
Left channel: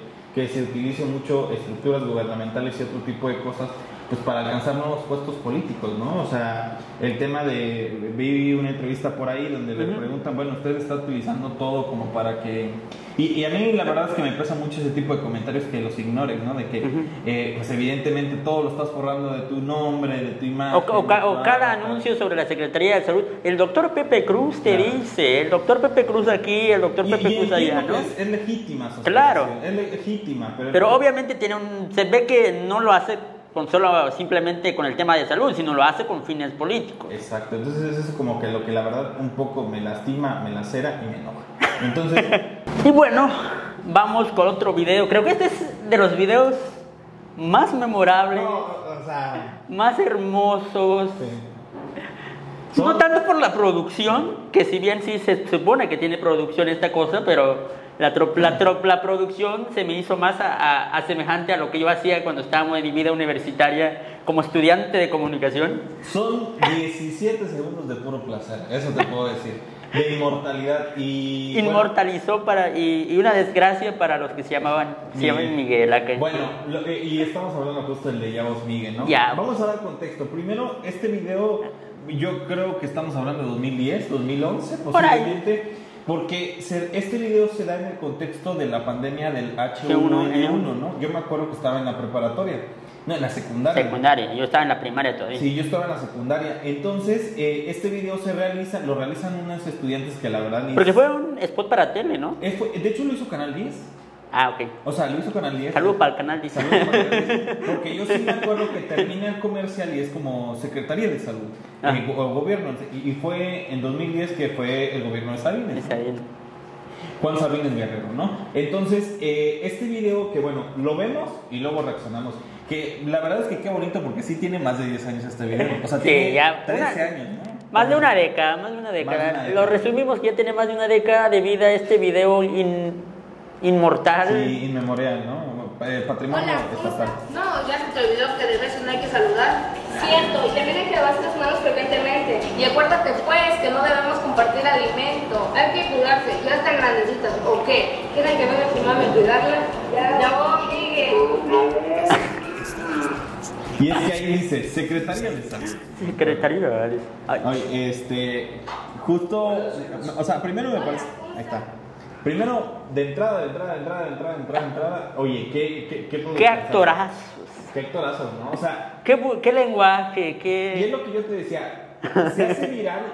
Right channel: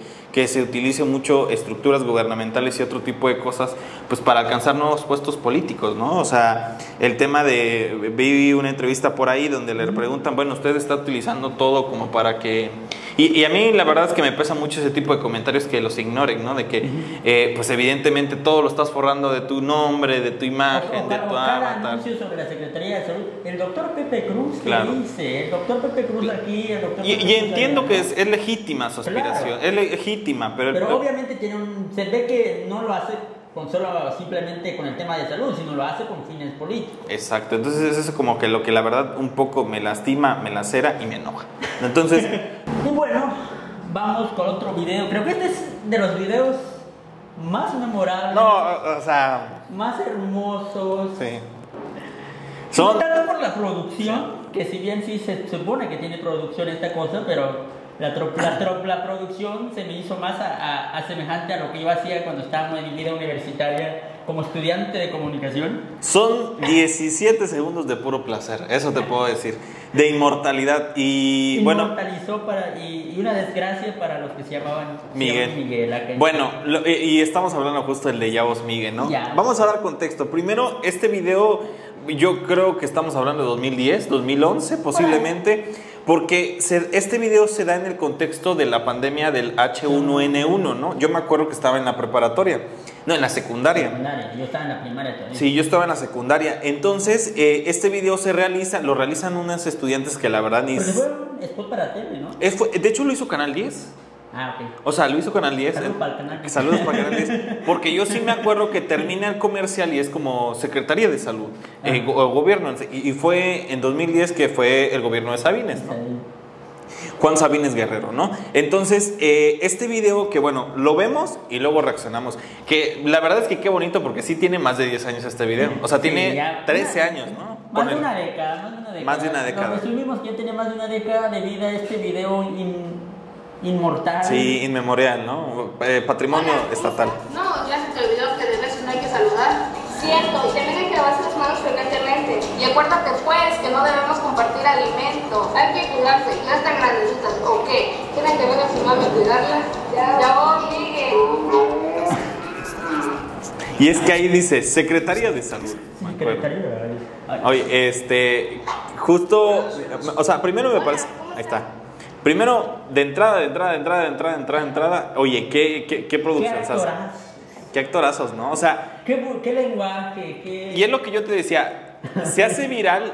se utilice mucho estructuras gubernamentales y otro tipo de cosas pues para alcanzar nuevos puestos políticos, ¿no? O sea, el tema vi una entrevista por ahí donde le preguntan, bueno, usted está utilizando todo como para que... Y a mí la verdad es que me pesa mucho ese tipo de comentarios que los ignoren, ¿no? De que pues evidentemente todo lo estás forrando de tu nombre, de tu imagen. O cada anuncio sobre la Secretaría de Salud, el doctor Pepe Cruz te dice, el doctor Pepe Cruz aquí, el doctor Pepe Cruz allá. Y entiendo que es legítima su aspiración, claro. Es legítima, pero obviamente se ve que no lo hace simplemente con el tema de salud, sino lo hace con fines políticos. Exacto, entonces eso es como que lo que la verdad un poco me lastima, me lacera y me enoja. Entonces... Y bueno, vamos con otro video. Creo que este es de los videos más memorables. No, o sea... Más hermosos. Sí. No tanto por la producción, que si bien sí se supone que tiene producción esta cosa, pero la producción se me hizo más semejante a lo que yo hacía cuando estábamos en mi vida universitaria como estudiante de comunicación. Son 17 segundos de puro placer, eso te puedo decir, de inmortalidad. Y inmortalizó y una desgracia para los que se llamaban Miguel. Bueno, y estamos hablando justo del de Yavos Miguel, ¿no? Ya. Vamos a dar contexto. Primero, este video yo creo que estamos hablando de 2010, 2011 posiblemente, porque este video se da en el contexto de la pandemia del H1N1, ¿no? Yo me acuerdo que estaba en la preparatoria, no, en la secundaria. Yo estaba en la primaria todavía. Sí, yo estaba en la secundaria. Entonces, este video lo realizan unos estudiantes que la verdad ni... Porque fue un spot para tele, ¿no? De hecho, lo hizo Canal 10. Ah, ok. O sea, lo hizo Canal 10. Saludos para el Canal 10. Saludos para el Canal 10. Porque yo sí me acuerdo que termina el comercial y es como Secretaría de Salud, gobierno. Y fue en 2010 que fue el gobierno de Sabines, ¿no? Juan Sabines Guerrero, ¿no? Entonces, este video que, bueno, lo vemos y luego reaccionamos. Que la verdad es que qué bonito porque sí tiene más de 10 años este video. O sea, Sí, tiene ya, 13 años, ¿no? Más de una década, más de una década. Más de una década. Lo resumimos que ya tiene más de una década de vida este video inmortal. Sí, inmemorial, ¿no? Patrimonio Hola, ¿cómo estatal. estás? No, ya se te olvidó que de vez no hay que saludar. Cierto, y también hay que lavarse las manos frecuentemente. Y acuérdate pues que no debemos compartir alimento. Hay que cuidarse, Ya están grandecitas, ¿o qué? ¿Quieren que venga su mami a cuidarlas? Ya voy, Miguel. Y es que ahí dice Secretaría de Salud. Secretaría. Oye, justo, o sea, primero me parece, ahí está. Primero, de entrada, oye, qué producción. Qué actorazos. Qué actorazos, ¿no? O sea, Qué lenguaje, qué... y es lo que yo te decía, se hace viral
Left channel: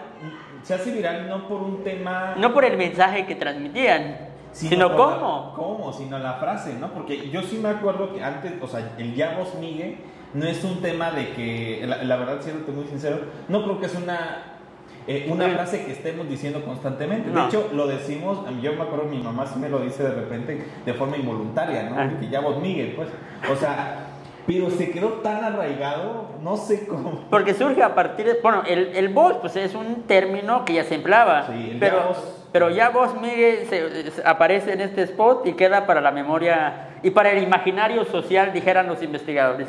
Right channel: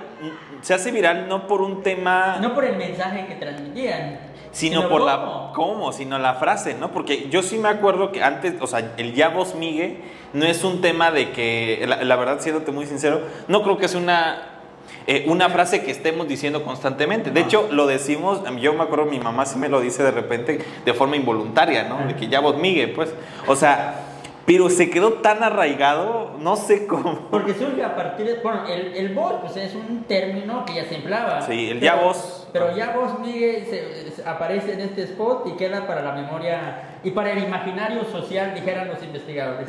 no por un tema, No por el mensaje que transmitían, sino por cómo. sino la frase, ¿no? Porque yo sí me acuerdo que antes, o sea, el ya vos Migue no es un tema de que, la verdad, siéndote muy sincero, no creo que es una frase que estemos diciendo constantemente. De hecho, lo decimos, yo me acuerdo, mi mamá sí me lo dice de repente de forma involuntaria, ¿no? De que ya vos Migue, pues, o sea, pero se quedó tan arraigado, no sé cómo. Porque surge a partir de... Bueno, el vos, pues es un término que ya se empleaba. Sí, pero, ya vos. Pero ya vos, Miguel, aparece en este spot y queda para la memoria y para el imaginario social, dijeran los investigadores.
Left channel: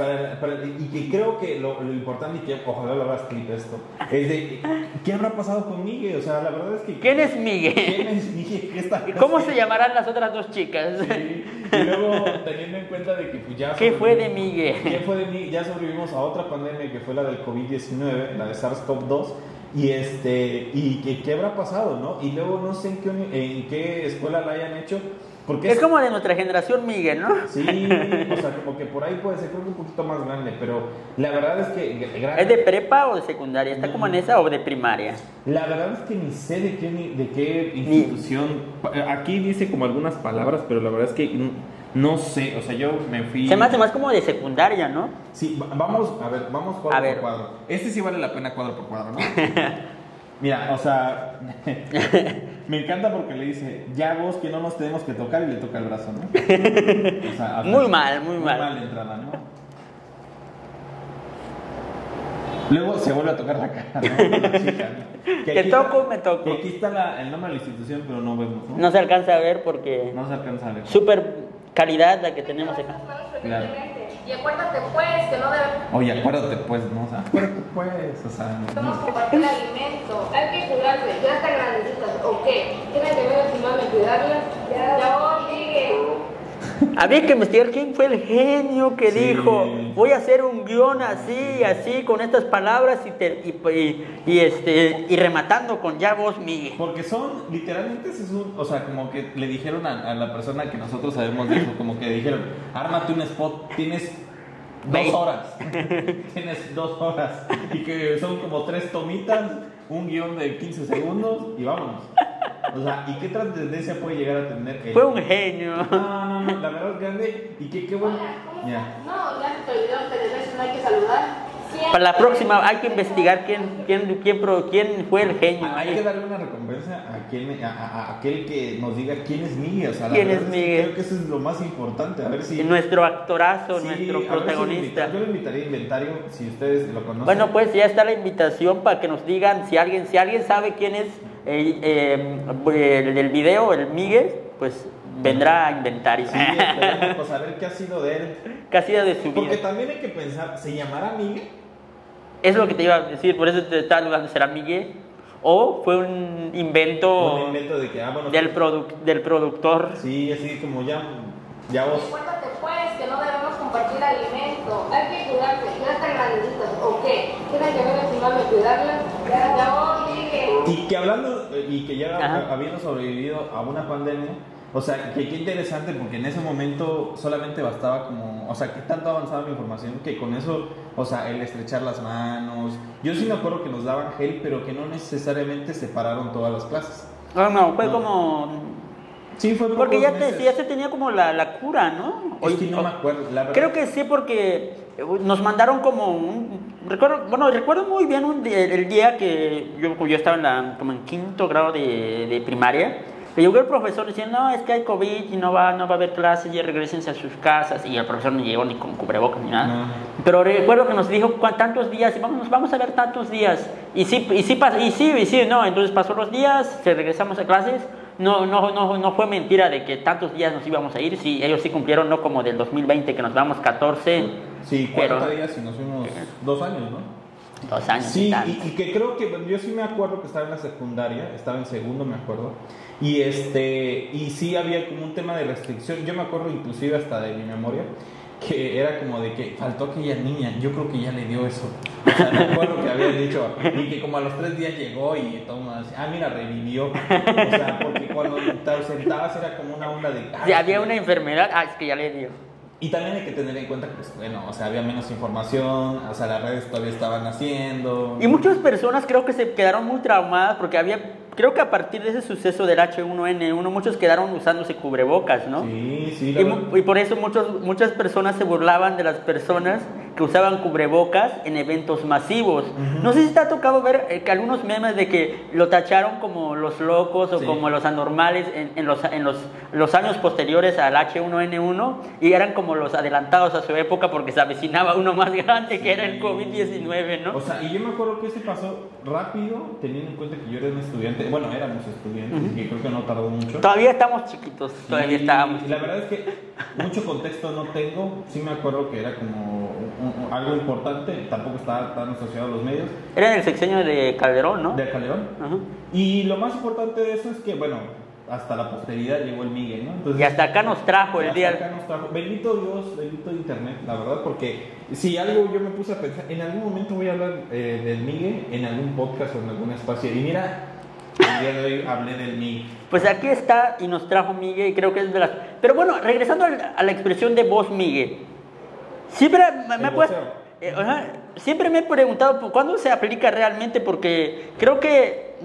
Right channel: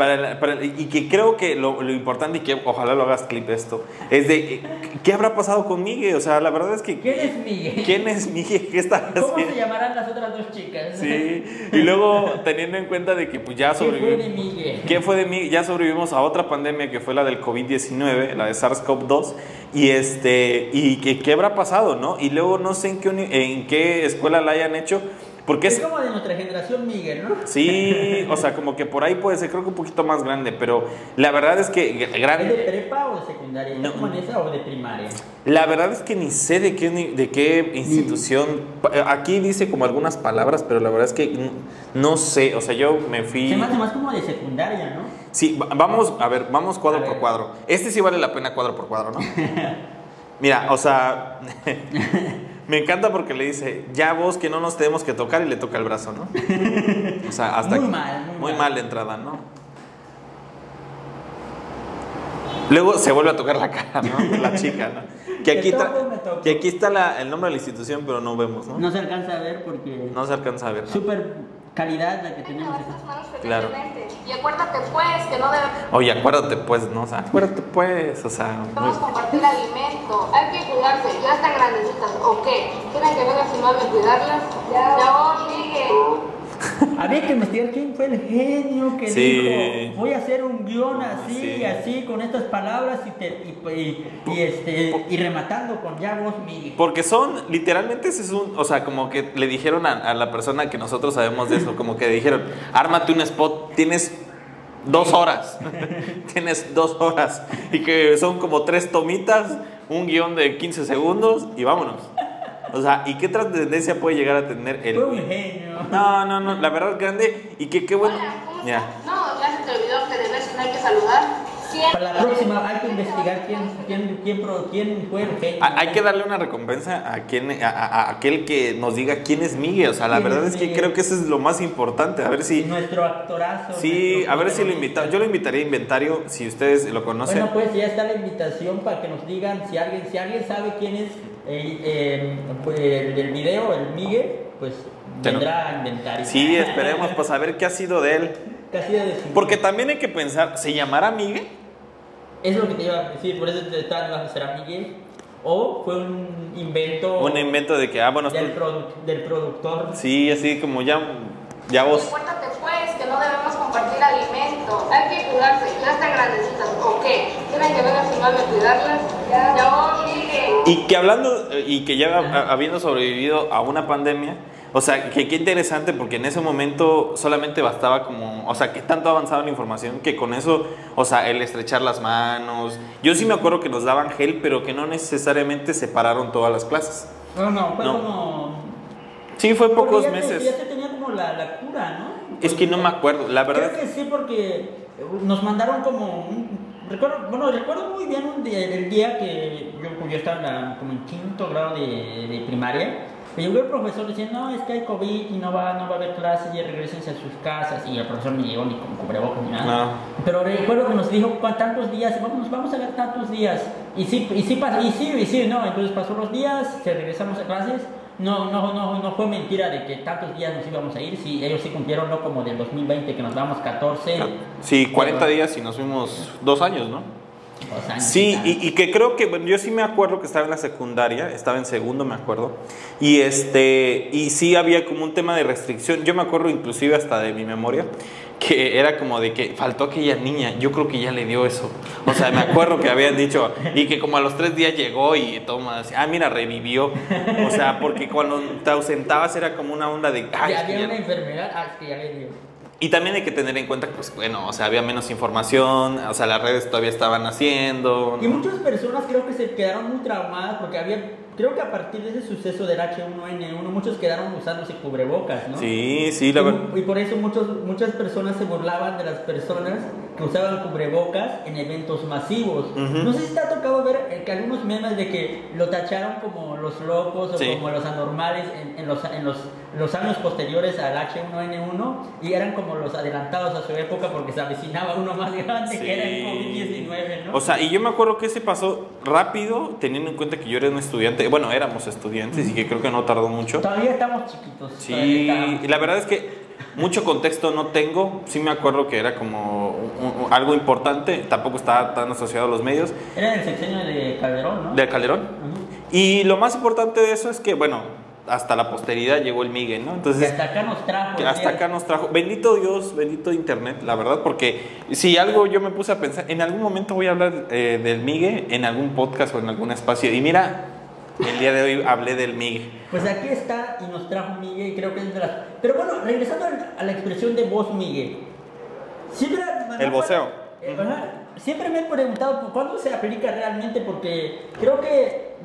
Y que creo que lo importante, y que ojalá lo hagas clip esto, es de ¿qué habrá pasado con Miguel? O sea, la verdad es que... ¿Quién es Miguel? ¿Quién es Miguel? ¿Qué está haciendo? ¿Cómo se llamarán las otras dos chicas? Sí, y luego teniendo en cuenta de que pues ya ¿Qué fue de Miguel? ¿Qué fue de Miguel? Ya sobrevivimos a otra pandemia que fue la del COVID-19, la de SARS-CoV-2, y ¿qué habrá pasado, no? Y luego no sé en qué escuela la hayan hecho, porque es como de nuestra generación Miguel, ¿no? Sí, o sea, como que por ahí puede ser, creo que un poquito más grande, pero la verdad es que... ¿Es de prepa o de secundaria? ¿Está como en esa o de primaria? La verdad es que ni sé de qué institución... Aquí dice como algunas palabras, pero la verdad es que no sé, o sea, yo me fui... Se me hace más como de secundaria, ¿no? Sí, vamos cuadro por cuadro. Este sí vale la pena cuadro por cuadro, ¿no? Mira, o sea... Me encanta porque le dice, ya vos que no nos tenemos que tocar, y le toca el brazo, ¿no? O sea, hasta muy aquí. mal. Muy mal de entrada, ¿no? Luego se vuelve a tocar la cara, ¿no? La chica, ¿no? Que aquí está el nombre de la institución, pero no vemos, ¿no? No se alcanza a ver porque... No se alcanza a ver. Súper calidad la que tenemos acá. Claro. Y acuérdate pues que no debemos Oye, acuérdate pues, ¿no? O sea, acuérdate pues, o sea... compartir alimento. Hay que cuidarse, Ya están grandecitas, ¿o qué? ¿Quieren que venga su mami a cuidarlas? Ya voy, Miguel. Había que investigar quién fue el genio que Sí. dijo, voy a hacer un guión así, Sí. así, con estas palabras y rematando con ya vos, Miguel. Porque literalmente ese es o sea, como que le dijeron a la persona que nosotros sabemos de eso, como que le dijeron, ármate un spot, tienes 2 horas, tienes 2 horas, y que son como 3 tomitas, un guión de 15 segundos, y vámonos. O sea, ¿y qué trascendencia puede llegar a tener el... Fue un genio. No, la verdad es grande, y qué bueno. Ya. No, ya se te olvidó que de vez no hay que saludar. Para la próxima hay que investigar quién fue el genio. Hay que darle una recompensa a aquel que nos diga quién es Miguel. O sea, la ¿Quién verdad es es que Miguel? creo que eso es lo más importante. A ver si... Nuestro actorazo. Sí, nuestro a ver si lo protagonista. invitan. Yo lo invitaría a Inventario, si ustedes lo conocen. Bueno, pues ya está la invitación para que nos digan si alguien sabe quién es pues, el del video, el Miguel, pues vendrá a Inventario. Sí, esperemos pues a ver qué ha sido de él. ¿Qué ha sido de su Porque vida? también hay que pensar, ¿se llamará Miguel? Es lo que te iba a decir, por eso te estaba dudando, ¿será Miguel? ¿O fue un invento, Un invento de que, bueno... del productor? Sí, así como ya vos... Acuérdate pues que no debemos compartir alimento. hay que cuidarse. Ya están grandecitas, ¿o qué? ¿Quieren que venga su mami a cuidarlas? Ya voy, Miguel. Y que hablando, y que ya Ajá. habiendo sobrevivido a una pandemia, o sea, que qué interesante, porque en ese momento solamente bastaba como, o sea, que tanto ha avanzado la información que con eso, o sea, el estrechar las manos. Yo sí me acuerdo que nos daban gel, pero que no necesariamente separaron todas las clases. No, fue No. como Sí, fue Porque pocos meses. ya se tenía como la cura, ¿no? Es que no me acuerdo, la verdad. Creo que sí, porque nos mandaron como recuerdo muy bien el día que yo estaba como en 5º grado de primaria. Que llegó el profesor diciendo, no, es que hay COVID y no va a haber clases, ya regresense a sus casas. Y el profesor no llegó ni con cubrebocas ni nada. No. Pero recuerdo que nos dijo tantos días, vamos a ver tantos días. Y sí, no. Entonces pasó los días, regresamos a clases. No fue mentira de que tantos días nos íbamos a ir. Sí, ellos sí cumplieron, no como del 2020 que nos vamos 14. Sí, 40 días y nos fuimos 2 años, ¿no? 2 años. Sí, y que creo que, bueno, yo sí me acuerdo que estaba en la secundaria, estaba en segundo, me acuerdo, y sí había como un tema de restricción. Yo me acuerdo inclusive hasta de mi memoria, que era como de que faltó aquella niña, yo creo que ya le dio eso. O sea, me acuerdo que habían dicho, y que como a los 3 días llegó y toma, mira, revivió. O sea, porque cuando te ausentabas era como una onda de... Ya había una enfermedad, es que ya le dio. Y también hay que tener en cuenta que, pues, bueno, o sea, había menos información, o sea, las redes todavía estaban haciendo, ¿no? Y muchas personas creo que se quedaron muy traumadas porque creo que a partir de ese suceso del H1N1, muchos quedaron usándose cubrebocas, ¿no? Sí, la verdad. Y por eso muchas personas se burlaban de las personas que usaban cubrebocas en eventos masivos. No sé si te ha tocado ver que algunos memes de que lo tacharon como los locos o como los anormales en los años posteriores al H1N1 y eran como los adelantados a su época porque se avecinaba uno más grande que era el COVID-19, ¿no? O sea, y yo me acuerdo que ese pasó rápido, teniendo en cuenta que yo era un estudiante, bueno, éramos estudiantes y que creo que no tardó mucho. Todavía estamos chiquitos. Sí, y la verdad es que mucho contexto no tengo, sí me acuerdo que era como algo importante, tampoco estaba tan asociado a los medios. Era en el sexenio de Calderón, ¿no? De Calderón. Y lo más importante de eso es que, bueno, hasta la posteridad llegó el migue, ¿no? Entonces, y hasta acá nos trajo el día. Hasta acá nos trajo. Bendito Dios, bendito Internet, la verdad, porque si algo yo me puse a pensar, en algún momento voy a hablar del migue en algún podcast o en algún espacio. Y mira, el día de hoy hablé del migue. Pues aquí está y nos trajo migue y creo que es de las... Pero bueno, regresando a la expresión de voz migue. Siempre el voceo. Siempre me he preguntado cuándo se aplica realmente porque creo que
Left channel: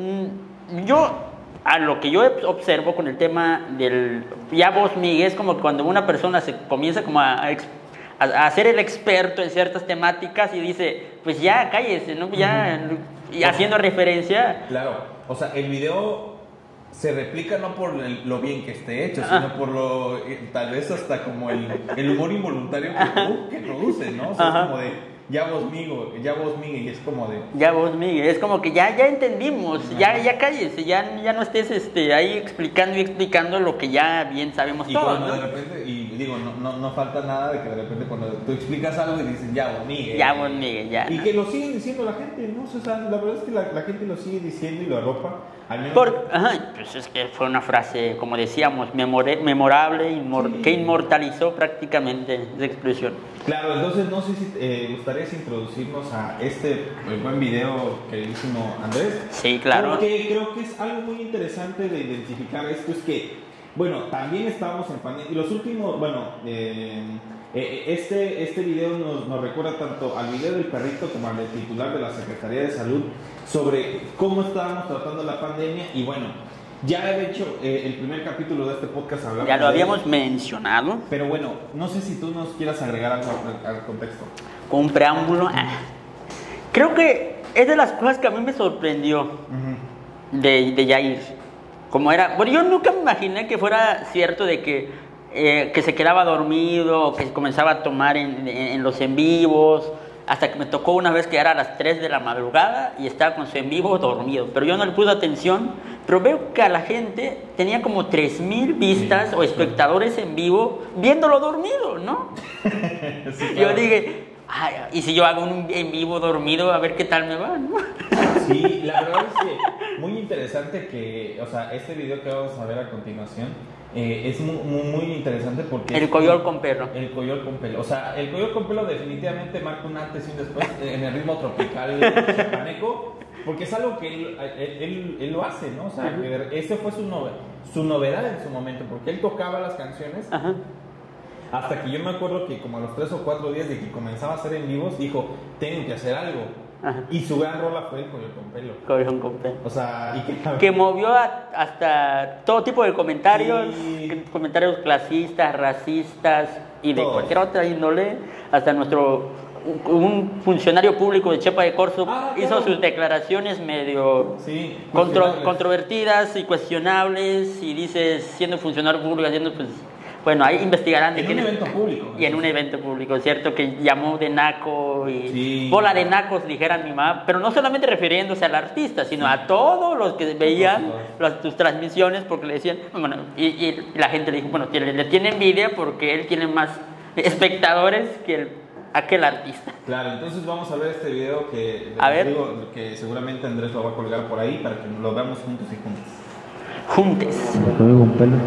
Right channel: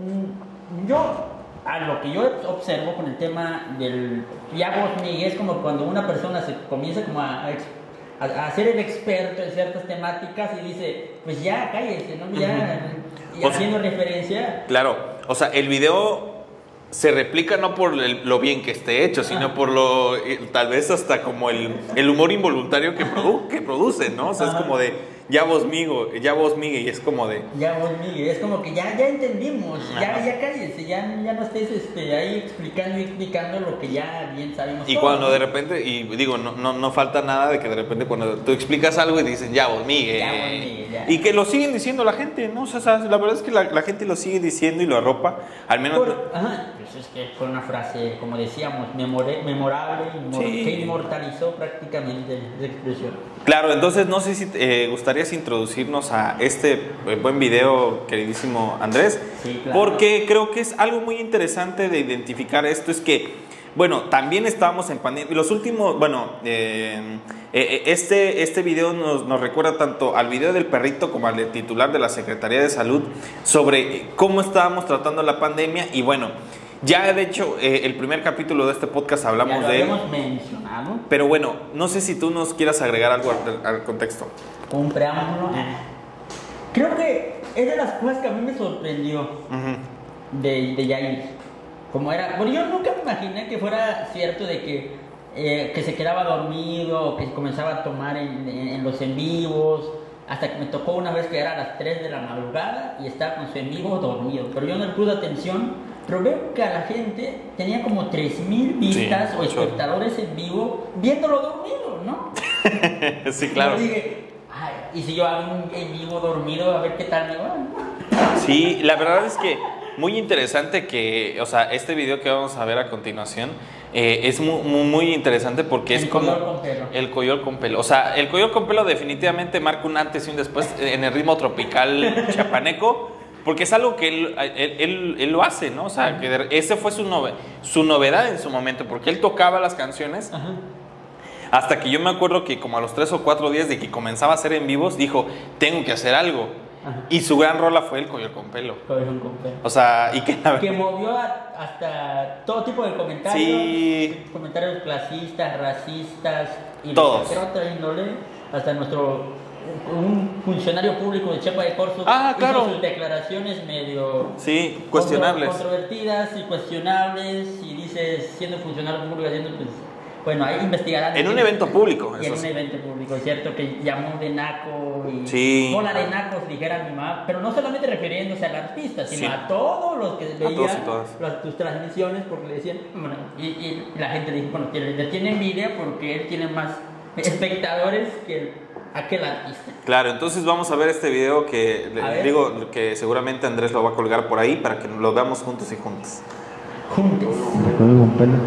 a lo que yo observo con el tema del ya voz migue es como cuando una persona se comienza como a ser el experto en ciertas temáticas y dice, pues ya cállese, ¿no? Ya, y haciendo referencia. Claro, o sea, el video se replica no por lo bien que esté hecho, sino por tal vez hasta como el humor involuntario que produce, ¿no? O sea, es como de ya vos migue, y es como de... Ya vos migue, es como que ya entendimos, ya cállese, ya no estés ahí explicando lo que ya bien sabemos. Y todos, cuando ¿no? de repente, y digo, no falta nada de que de repente cuando tú explicas algo y dicen ya vos migue. Ya vos migue, ya. Y que lo siguen diciendo la gente, ¿no? O sea, la verdad es que la gente lo sigue diciendo y lo arropa, al menos... pues es que fue una frase, como decíamos, memorable, que inmortalizó prácticamente esa expresión. Claro, entonces no sé si gustarías introducirnos a este buen video, queridísimo Andrés. Sí, claro. Porque creo que es algo muy interesante de identificar esto, es que, bueno, también estábamos en pandemia. Los últimos, bueno, este video nos recuerda tanto al video del perrito como al titular de la Secretaría de Salud sobre cómo estábamos tratando la pandemia y bueno... Ya de hecho, el primer capítulo de este podcast hablamos de él. Ya lo habíamos mencionado. Pero bueno, no sé si tú nos quieras agregar algo al contexto. Un preámbulo. Creo que es de las cosas que a mí me sorprendió de Yair. Como era... Bueno, yo nunca me imaginé que fuera cierto de que se quedaba dormido, que comenzaba a tomar en los en vivos. Hasta que me tocó una vez que era a las 3 de la madrugada y estaba con su en vivo dormido. Pero yo no le puse atención. Pero veo que a la gente tenía como 3,000 vistas o espectadores en vivo viéndolo dormido, ¿no? Sí, claro. Yo dije, y si yo hago un en vivo dormido, a ver qué tal me va, ¿no? Sí, la verdad es que muy interesante que, o sea, este video que vamos a ver a continuación es muy interesante porque el coyol con pelo. El coyol con pelo. O sea, el coyol con pelo definitivamente marca un antes y un después en el ritmo tropical chapaneco. Porque es algo que él lo hace, ¿no? O sea, que ese fue su novedad en su momento, porque él tocaba las canciones. Hasta que yo me acuerdo que como a los 3 o 4 días de que comenzaba a hacer en vivos, dijo, tengo que hacer algo. Ajá. Y su gran rola fue el Coyol con Pelo. Coyol con Pelo. O sea, y que movió hasta todo tipo de comentarios, sí. Comentarios clasistas, racistas y de Todos. cualquier otra índole, hasta un funcionario público de Chepa de Corzo claro. hizo sus declaraciones medio sí, cuestionables. controvertidas y cuestionables, y dices, siendo funcionario público, haciendo pues... Bueno, ahí investigarán. En un evento público. Y en un evento público, ¿cierto? Que llamó de naco y sí. bola de nacos, dijera mi mamá. Pero no solamente refiriéndose al artista, sino a todos los que veían tus transmisiones, porque le decían... Bueno, y la gente le dijo, bueno, le tiene envidia porque él tiene más espectadores que aquel artista. Claro, entonces vamos a ver este video que digo que seguramente Andrés lo va a colgar por ahí para que lo veamos juntos y juntas. Juntes. Con pelo.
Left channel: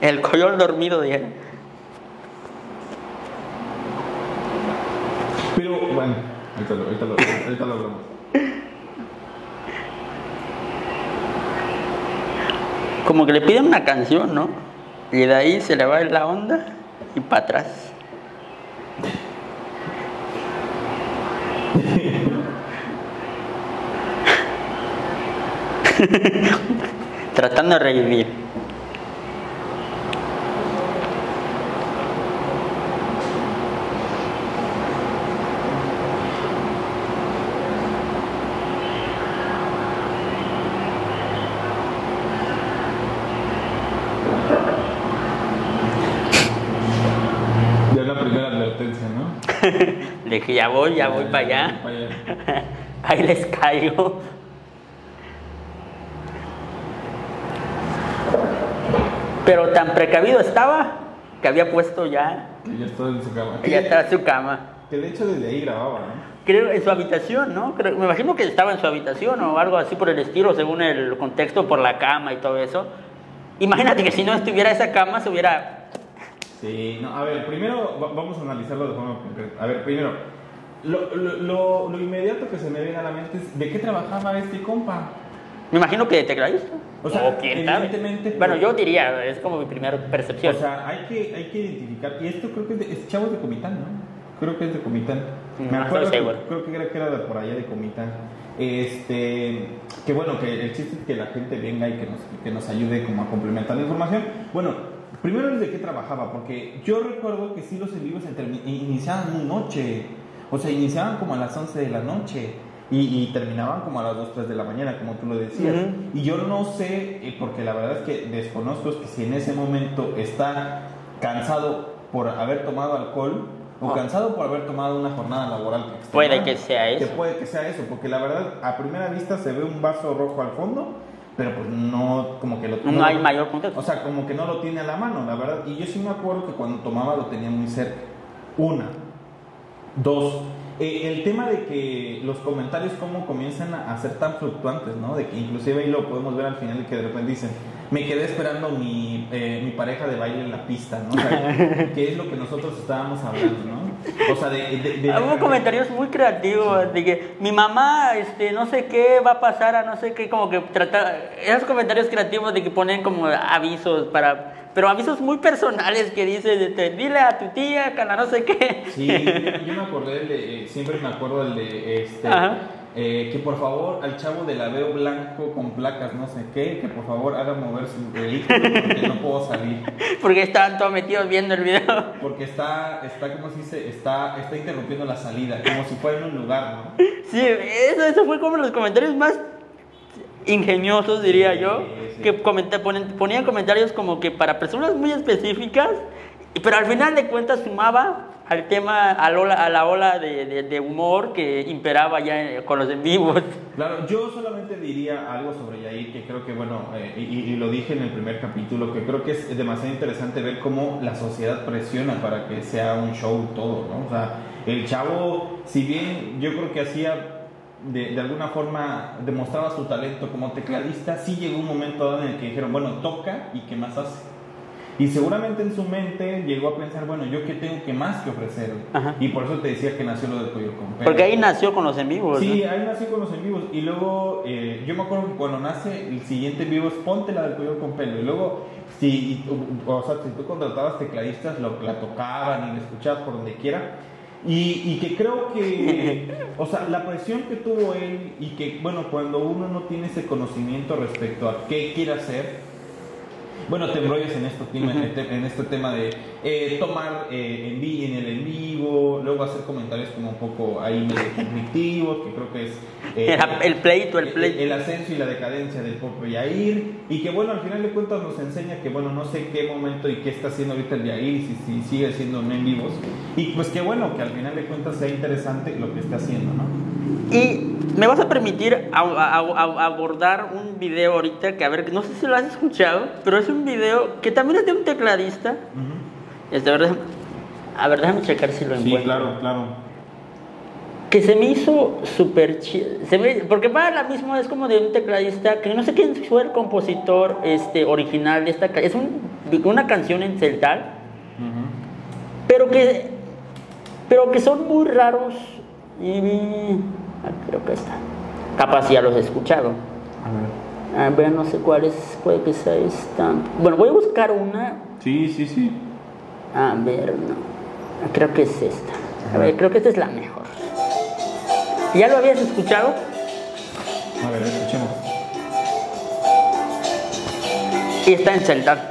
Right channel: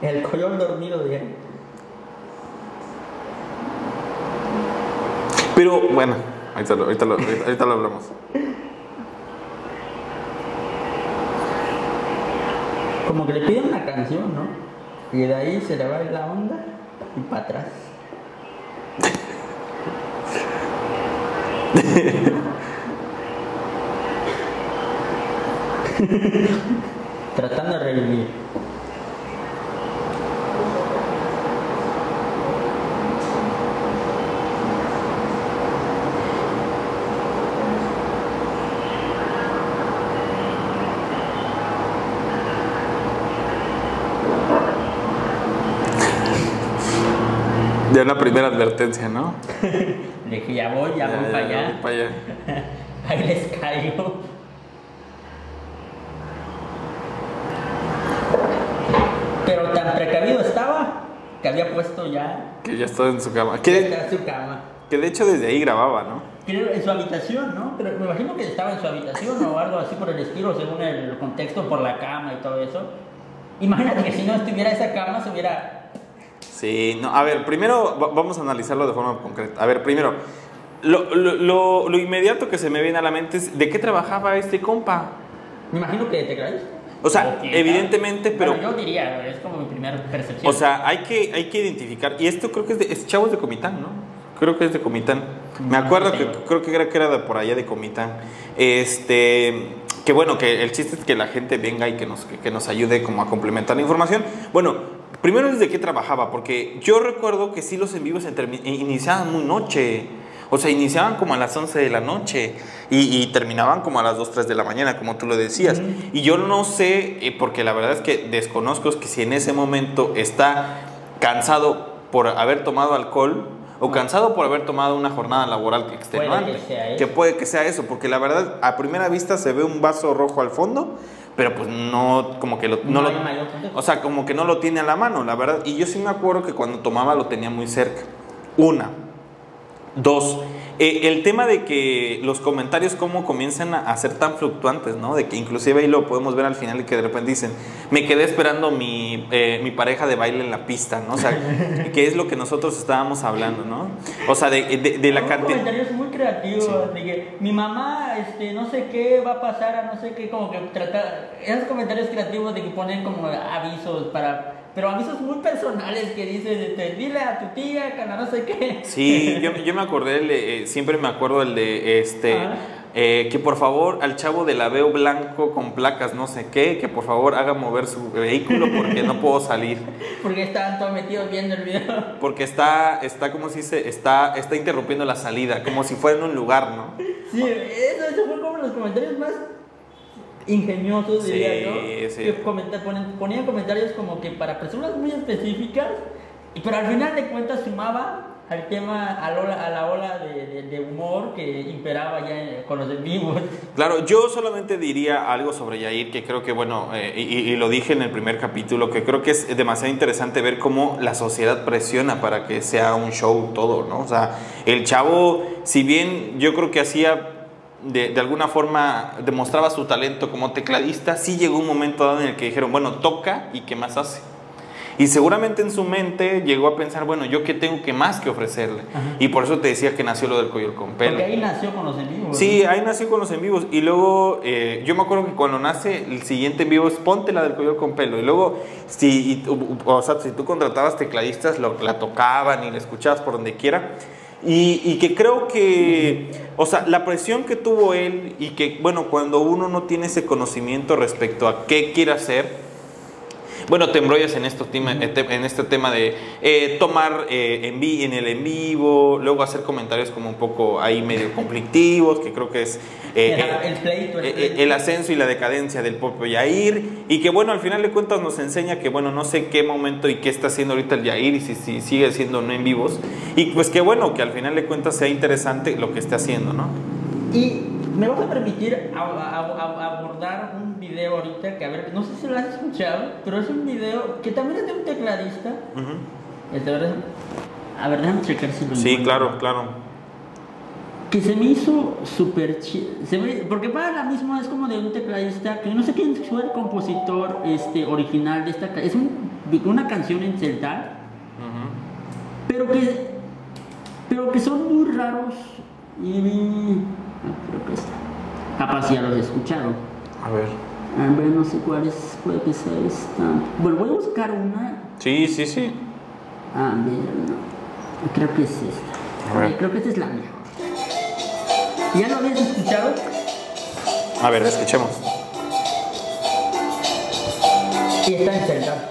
El Coyol dormido, dijeron. Pero bueno, ahorita lo hablamos. Como que le piden una canción, ¿no? Y de ahí se le va la onda y para atrás. Tratando de revivir. Ya una primera advertencia, ¿no? De que ya voy para allá. Ahí les caigo. Pero tan precavido estaba que había puesto ya... Que ya estaba en su cama. Que ya estaba en su cama. Que de hecho desde ahí grababa, ¿no? Creo en su habitación, ¿no? Me imagino que estaba en su habitación o algo así por el estilo, según el contexto, por la cama y todo eso. Imagínate que si no estuviera esa cama, se hubiera... Sí, no, a ver, primero vamos a analizarlo de forma concreta. A ver, primero, lo inmediato que se me viene a la mente es ¿de qué trabajaba este compa? Me imagino que de tecladista. O sea, evidentemente, pero... Bueno, yo diría, es como mi primera percepción. O sea, hay que identificar, y esto creo que es Chavos de Comitán, ¿no? Creo que es de Comitán. Me acuerdo creo que era de por allá de Comitán. Que bueno, que el chiste es que la gente venga y que nos ayude como a complementar la información. Bueno, primero es de qué trabajaba, porque yo recuerdo que sí los en vivos iniciaban muy noche. O sea, iniciaban como a las 11 de la noche y terminaban como a las 2, 3 de la mañana, como tú lo decías. Y yo no sé, porque la verdad es que desconozco que si en ese momento está cansado por haber tomado alcohol o cansado por haber tomado una jornada laboral extenuante. Puede que sea eso. Que puede que sea eso, porque la verdad a primera vista se ve un vaso rojo al fondo, pero pues no, como que no hay mayor contexto. O sea, como que no lo tiene a la mano, la verdad. Y yo sí me acuerdo que cuando tomaba lo tenía muy cerca. Una. Dos, el tema de que los comentarios cómo comienzan a ser tan fluctuantes, ¿no? De que inclusive ahí lo podemos ver al final, que de repente dicen, me quedé esperando mi pareja de baile en la pista, ¿no? O sea, que es lo que nosotros estábamos hablando, ¿no? O sea, de la cantidad... comentarios muy creativos, sí. De que mi mamá, no sé qué va a pasar a no sé qué, como que tratar... Esos comentarios creativos de que ponen como avisos pero avisos muy personales que dices, dile a tu tía, que no sé qué. Sí, yo me acordé, siempre me acuerdo el de que por favor al chavo del Aveo blanco con placas no sé qué, que por favor haga mover su vehículo porque no puedo salir. Porque estaban todos metidos viendo el video. Porque está ¿cómo se dice? Está interrumpiendo la salida, como si fuera en un lugar, ¿no? Sí, eso fue como los comentarios más ingeniosos, diría yo, sí. Que ponía comentarios como que para personas muy específicas, pero al final de cuentas sumaba al tema, a la ola de humor que imperaba ya con los en vivos. Claro, yo solamente diría algo sobre Yair, que creo que, bueno, y lo dije en el primer capítulo, que creo que es demasiado interesante ver cómo la sociedad presiona para que sea un show todo, ¿no? O sea, el chavo, si bien yo creo que hacía... De alguna forma demostraba su talento como tecladista, sí llegó un momento dado en el que dijeron, bueno, toca y qué más hace. Y seguramente en su mente llegó a pensar, bueno, ¿yo qué tengo que más que ofrecerle? Ajá. Y por eso te decía que nació lo del Coyol con Pelo. Porque ahí nació con los en vivos. Sí, ¿no? ahí nació con los en vivos. Y luego, yo me acuerdo que cuando nace el siguiente en vivo es ponte la del Coyol con Pelo. Y luego, si tú contratabas tecladistas, la tocaban y la escuchabas por donde quiera. Y que creo que, o sea, la presión que tuvo él y que, bueno, cuando uno no tiene ese conocimiento respecto a qué quiere hacer, bueno, te embrollas en este tema de tomar en el en vivo, luego hacer comentarios como un poco ahí medio conflictivos, que creo que es el pleito. el ascenso y la decadencia del propio Yair, y que bueno, al final de cuentas nos enseña que bueno, no sé qué momento y qué está haciendo ahorita el Yair y si sigue siendo no en vivos, y pues que bueno, que al final de cuentas sea interesante lo que esté haciendo, ¿no? Y me vas a permitir abordar un video ahorita que, a ver, no sé si lo has escuchado, pero es un video que también es de un tecladista. A ver, déjame checar si lo encuentro. Sí, claro. Que se me hizo súper chido. Porque para la misma es como de un tecladista que no sé quién fue el compositor original de esta canción. Es una canción en celtal, pero que son muy raros. Creo que está. Capaz ya los he escuchado. A ver, no sé cuál es. Puede que sea esta. Bueno, voy a buscar una. Sí. A ver, no. Creo que es esta. Creo que esta es la mejor. ¿Ya lo habías escuchado? A ver, escuchemos. Y está en celtal.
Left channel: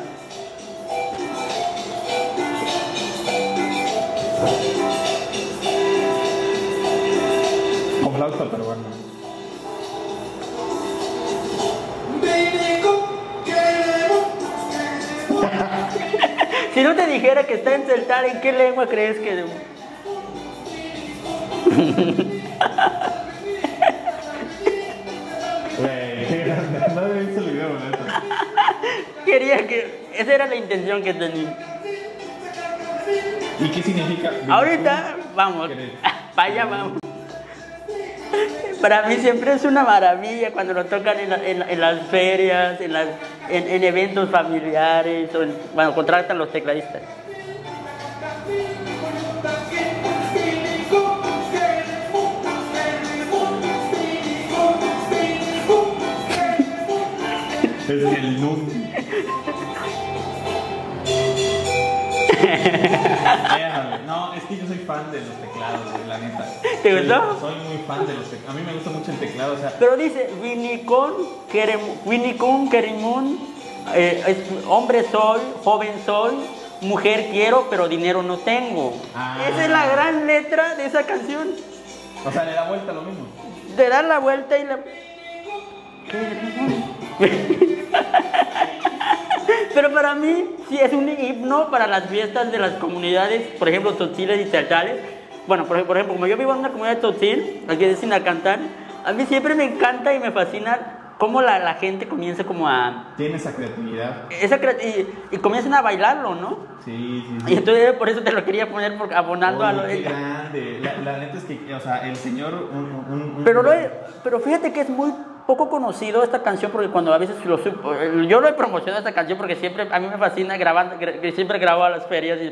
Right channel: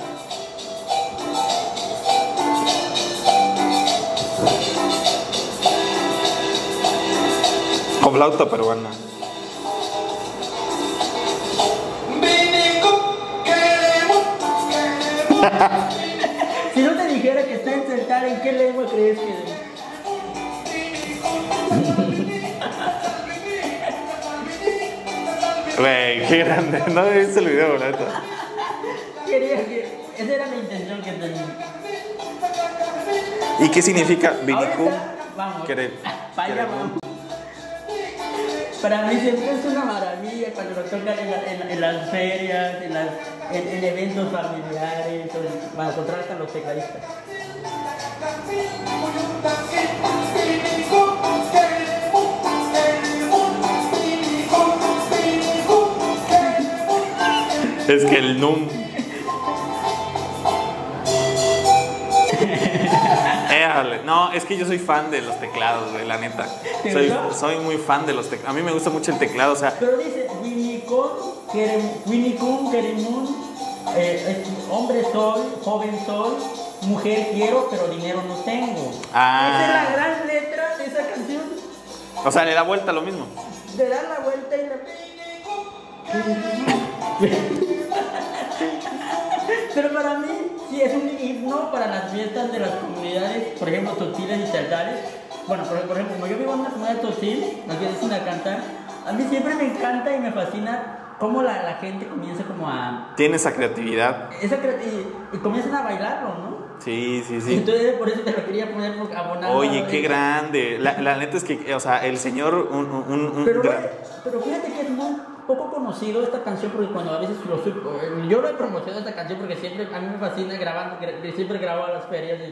Con flauta peruana. Si no te dijera que está en celtal, ¿en qué lengua crees que...? Güey, qué grande. No viste el video, neta. Quería que... Esa era la intención que tenía. ¿Y qué significa? Ahorita, vamos. Querer. Para allá vamos. Para mí siempre es una maravilla cuando lo tocan en las ferias, en eventos familiares, cuando contratan los tecladistas. Es que el NUM. No, es que yo soy fan de los teclados, güey, la neta. ¿Te gustó? Soy muy fan de los teclados. A mí me gusta mucho el teclado, o sea. Pero dice, Winnicum, Keremun, hombre soy, joven soy, mujer quiero, pero dinero no tengo. Esa es la gran letra de esa canción. O sea, le da vuelta a lo mismo. Le da la vuelta y la... Pero para mí sí es un himno para las fiestas de las comunidades, por ejemplo, tzotziles y celtales. Bueno, por ejemplo, como yo vivo en una comunidad de tzotzil, aquí de Sinacantán, a mí siempre me encanta y me fascina cómo la gente comienza como a... Tiene esa creatividad. Y comienzan a bailarlo, ¿no? Sí. Y entonces por eso te lo quería poner abonando. Oye, qué grande. La neta es que, o sea, el señor... Pero fíjate que es muy poco conocido esta canción, porque cuando a veces yo lo he promocionado esta canción porque siempre a mí me fascina siempre grabo a las ferias y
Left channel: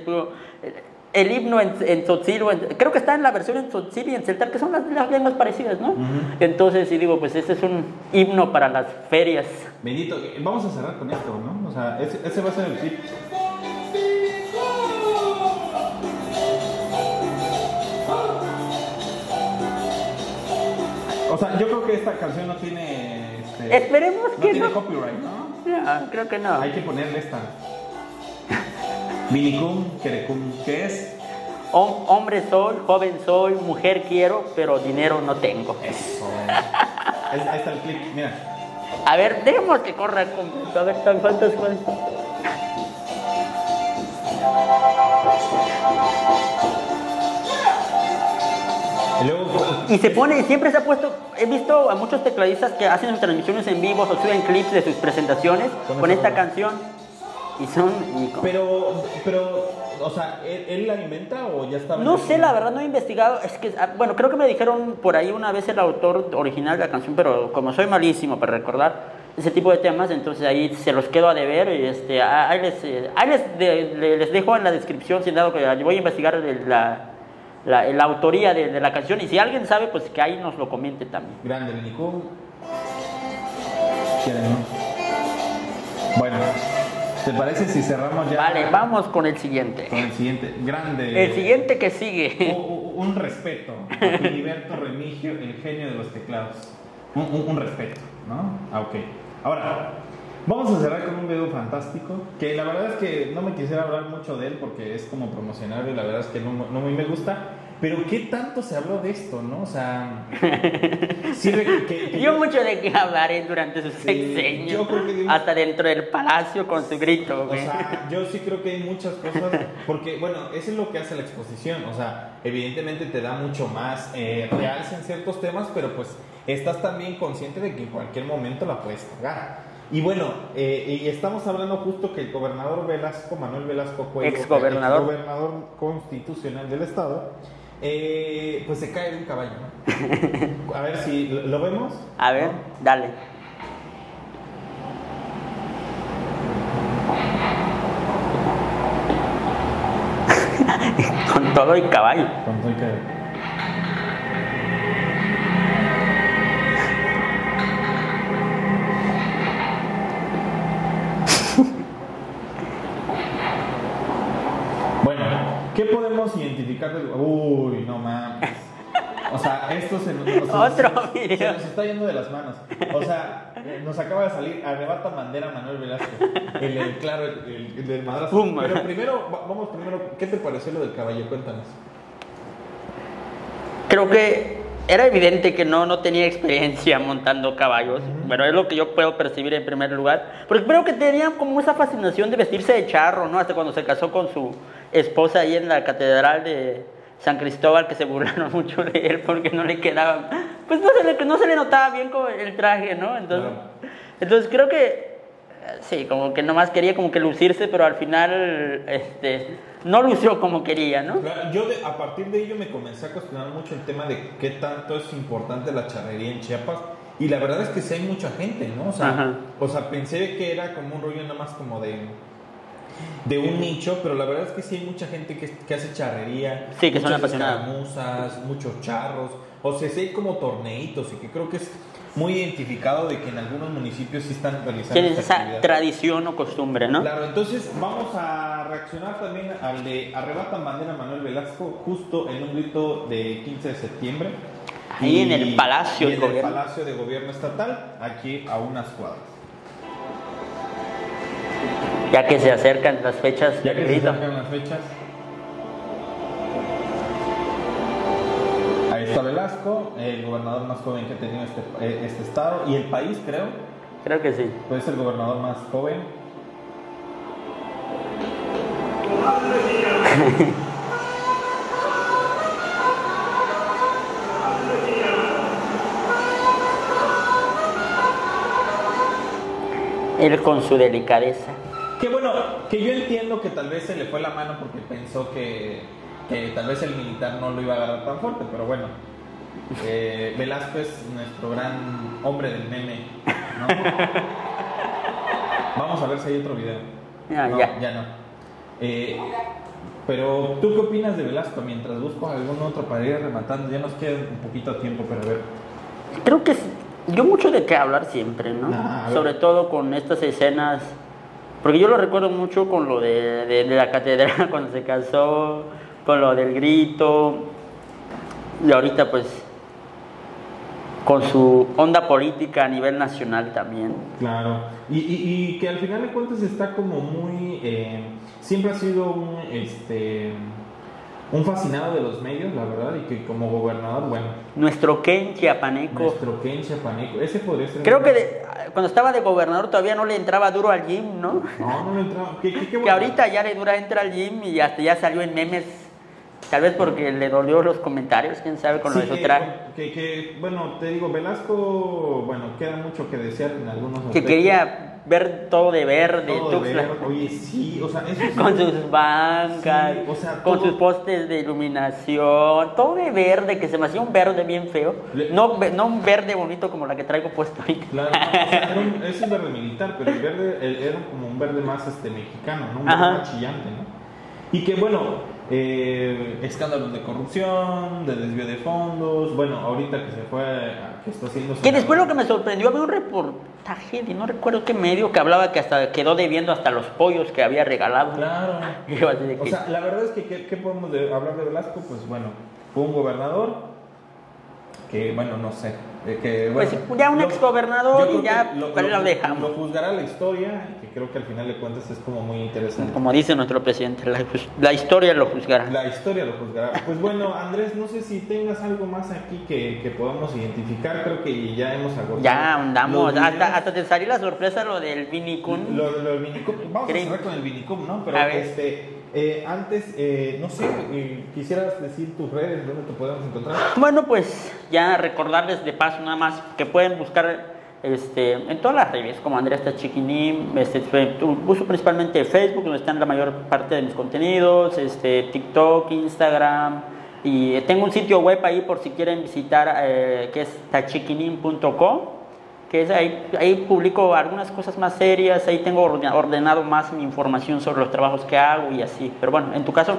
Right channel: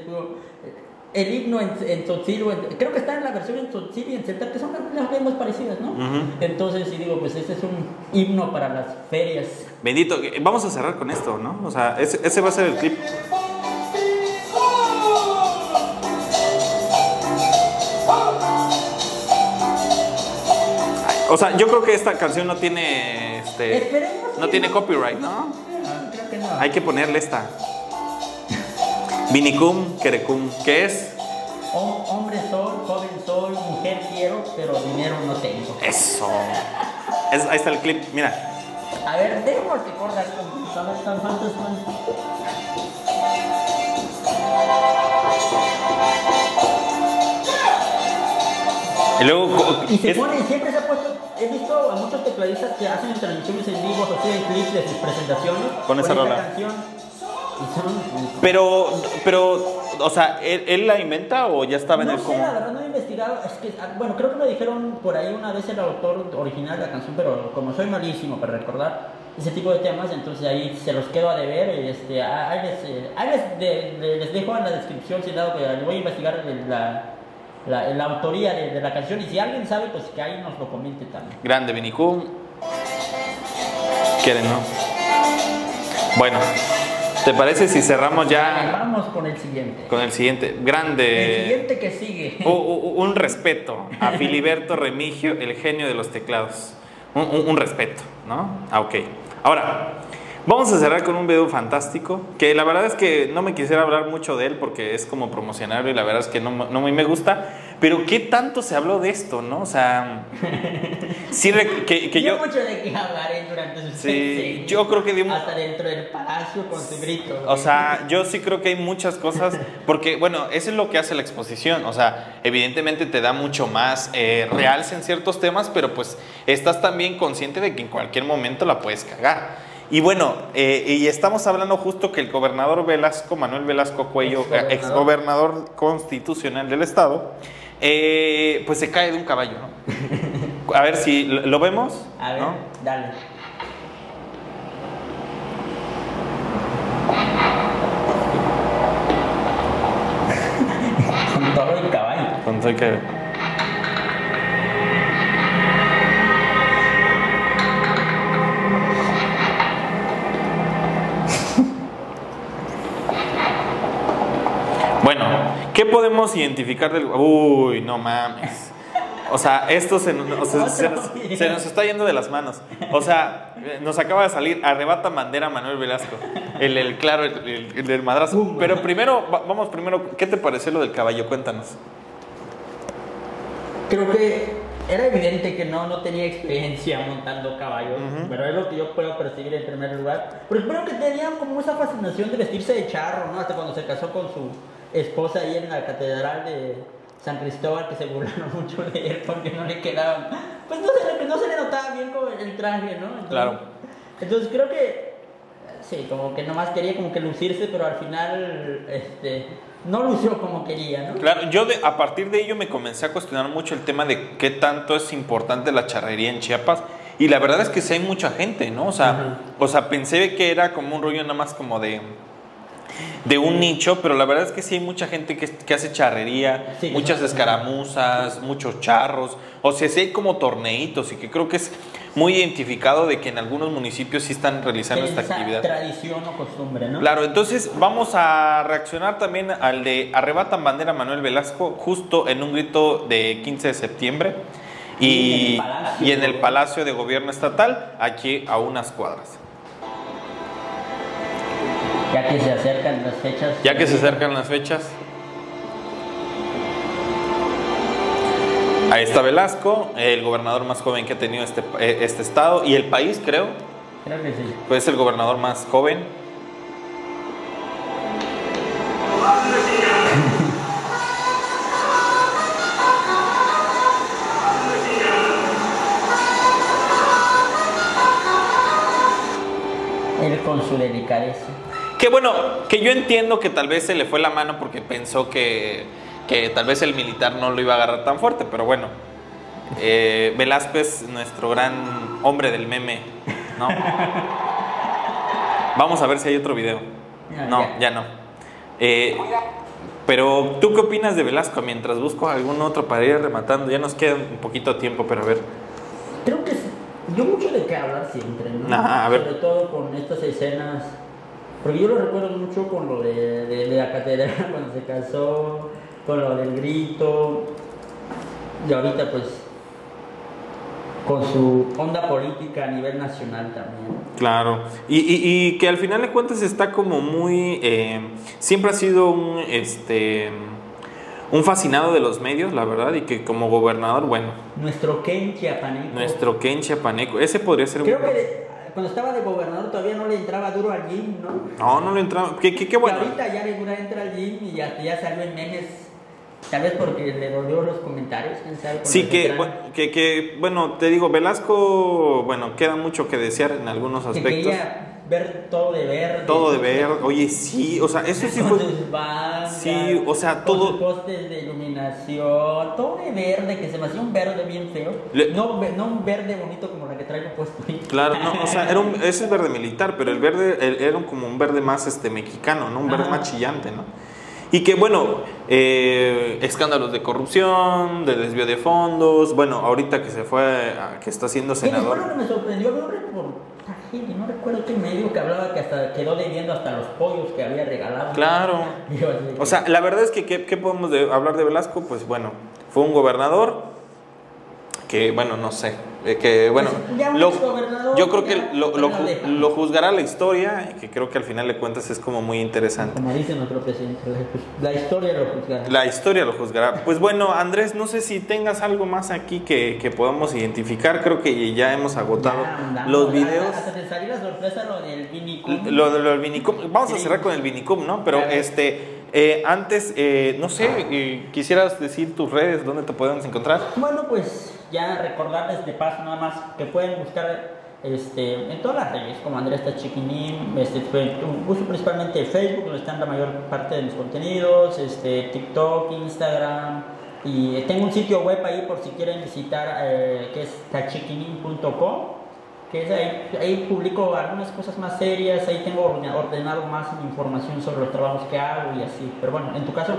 el himno en tzotzil, creo que está en la versión en tzotzil y en celtal, que son las lenguas parecidas, ¿no? Entonces, y digo, pues este es un himno para las ferias. Bendito, vamos a cerrar con esto, ¿no? O sea, ese va a ser el clip. O sea, yo creo que esta canción no tiene Esperemos no que tiene copyright, ¿no? Creo que no. Hay que ponerle esta. Vinicum, Kerecum, ¿qué es? Hombre soy, joven soy, mujer quiero, pero dinero no tengo. Eso. Ahí está el clip, mira. A ver, dejemos que corra. A ver, ¿cuántas? Y se pone, siempre se ha puesto, he visto a muchos tecladistas que hacen transmisiones en vivo o suben clips de sus presentaciones con esta canción. Y son... Pero, o sea, ¿él la inventa o ya estaba en el... No sé, la verdad no he investigado. Es que, bueno, creo que me dijeron por ahí una vez el autor original de la canción, pero como soy malísimo para recordar, ese tipo de temas, entonces ahí se los quedo a deber. Ahí les dejo en la descripción, si dado que voy a investigar la autoría de la canción, y si alguien sabe, pues que ahí nos lo comente también. Grande Vinicú. ¿Quieren, no? Bueno, ¿te parece si cerramos ya? Vale, vamos con el siguiente. Con el siguiente, grande. El siguiente que sigue. Un respeto a Filiberto Remigio, el genio de los teclados. Un respeto, ¿no? Ok. Ahora, vamos a cerrar con un video fantástico, que la verdad es que no me quisiera hablar mucho de él porque es como promocionarlo y la verdad es que no muy me gusta, pero ¿qué tanto se habló de esto, no? O sea, sí que dio mucho de qué hablar durante sus sexenios. Yo creo que hasta dentro del palacio con su grito. O sea, yo sí creo que hay muchas cosas, porque bueno, eso es lo que hace la exposición, o sea, evidentemente te da mucho más realce en ciertos temas, pero pues estás también consciente de que en cualquier momento la puedes cagar. Y bueno, y estamos hablando justo que el gobernador Velasco, Manuel Velasco Cuello, exgobernador constitucional del estado, pues se cae de un caballo, ¿no? A ver si lo vemos. A ver, ¿no? Dale. Con todo el caballo. Con todo el caballo. Bueno, ¿qué podemos identificar del... Uy, no mames. O sea, esto se nos está yendo de las manos. O sea, nos acaba de salir Arrebata Bandera Manuel Velasco. El del madrazo. Pero primero, ¿qué te pareció lo del caballo? Cuéntanos. Creo que era evidente que no tenía experiencia montando caballos. Bueno, es lo que yo puedo percibir en primer lugar. Pero creo que tenían como esa fascinación de vestirse de charro, ¿no? Hasta cuando se casó con su esposa ahí en la catedral de San Cristóbal, que se burlaron mucho de él porque no le quedaba, pues no se le notaba bien como el traje, ¿no? Entonces creo que sí, como que nomás quería como que lucirse, pero al final no lució como quería, ¿no? Claro, yo a partir de ello me comencé a cuestionar mucho el tema de qué tanto es importante la charrería en Chiapas. Y la verdad es que sí hay mucha gente, ¿no? O sea, pensé que era como un rollo nada más como de un nicho, pero la verdad es que sí hay mucha gente que hace charrería, sí, muchas escaramuzas, muchos charros, o sea, sí hay como torneitos y que creo que es muy identificado de que en algunos municipios sí están realizando esta actividad. Tradición o costumbre, ¿no? Claro, entonces vamos a reaccionar también al de Arrebatan Bandera Manuel Velasco, justo en un grito de 15 de septiembre. Y en el Palacio de Gobierno Estatal, aquí a unas cuadras. Ya que se acercan las fechas. Ahí está Velasco, el gobernador más joven que ha tenido este estado y el país, creo. Creo que sí. Pues es el gobernador más joven. Él con su delicadeza. Que bueno, que yo entiendo que tal vez se le fue la mano porque pensó que tal vez el militar no lo iba a agarrar tan fuerte, pero bueno, Velasco es nuestro gran hombre del meme, ¿no? Vamos a ver si hay otro video. Ya no. Pero, ¿tú qué opinas de Velasco? Mientras busco algún otro para ir rematando, ya nos queda un poquito de tiempo, pero a ver. Creo que yo mucho de qué hablar siempre, ¿no? Sobre todo con estas escenas, porque yo lo recuerdo mucho con lo de la catedral cuando se casó, con lo del grito, y ahorita pues con su onda política a nivel nacional también. Claro, y que al final de cuentas está como muy, siempre ha sido un fascinado de los medios, la verdad, y que como gobernador, bueno. Nuestro Ken Chiapaneco. Ese podría ser. Creo que cuando estaba de gobernador todavía no le entraba duro al gym, ¿no? No le entraba. ¿Qué bueno? Que ahorita ya le entra al gym y hasta ya salió en memes. Tal vez porque le dolió los comentarios, quién sabe. Con sí, bueno, te digo, Velasco, bueno, queda mucho que desear en algunos aspectos. Que quería ver todo de verde. Todo de verde. Oye, sí, o sea, eso sí. Con sus bancas, sí, o sea, con todo... sus postes de iluminación, todo de verde, que se me hacía un verde bien feo. No un verde bonito como la que traigo puesto ahorita. Claro, no, o sea, es un verde militar, pero el verde era como un verde más mexicano, ¿no? Un verde más chillante, ¿no? Y que, bueno, escándalos de corrupción, de desvío de fondos, bueno, ahorita que se fue, que está haciendo senador. Que después lo que me sorprendió, había un reportaje, y no recuerdo qué medio, que hablaba que hasta quedó debiendo hasta los pollos que había regalado. Claro. O sea, la verdad es que, ¿qué podemos hablar de Velasco? Pues bueno, fue un gobernador que, bueno, no sé, que bueno, pues ya un exgobernador, yo creo ya, que lo juzgará la historia, y que creo que al final de cuentas es como muy interesante. Como dice nuestro presidente, la historia lo juzgará. La historia lo juzgará. Pues bueno, Andrés, no sé si tengas algo más aquí que podamos identificar. Creo que ya hemos agotado. Ya andamos, los videos. hasta te salió la sorpresa lo del Vinicum. Lo del Vinicum. Vamos a cerrar con el Vinicum, ¿no? Pero antes, no sé, quisieras decir tus redes, ¿dónde te podemos encontrar? Bueno, pues ya recordarles de paso nada más que pueden buscar en todas las redes como Andrés Tachiquinim, uso principalmente Facebook, donde están la mayor parte de mis contenidos, TikTok, Instagram, y tengo un sitio web ahí por si quieren visitar, que es tachiquinim.com, que es ahí publico algunas cosas más serias, ahí tengo ordenado más mi información sobre los trabajos que hago y así. Pero bueno, en tu caso.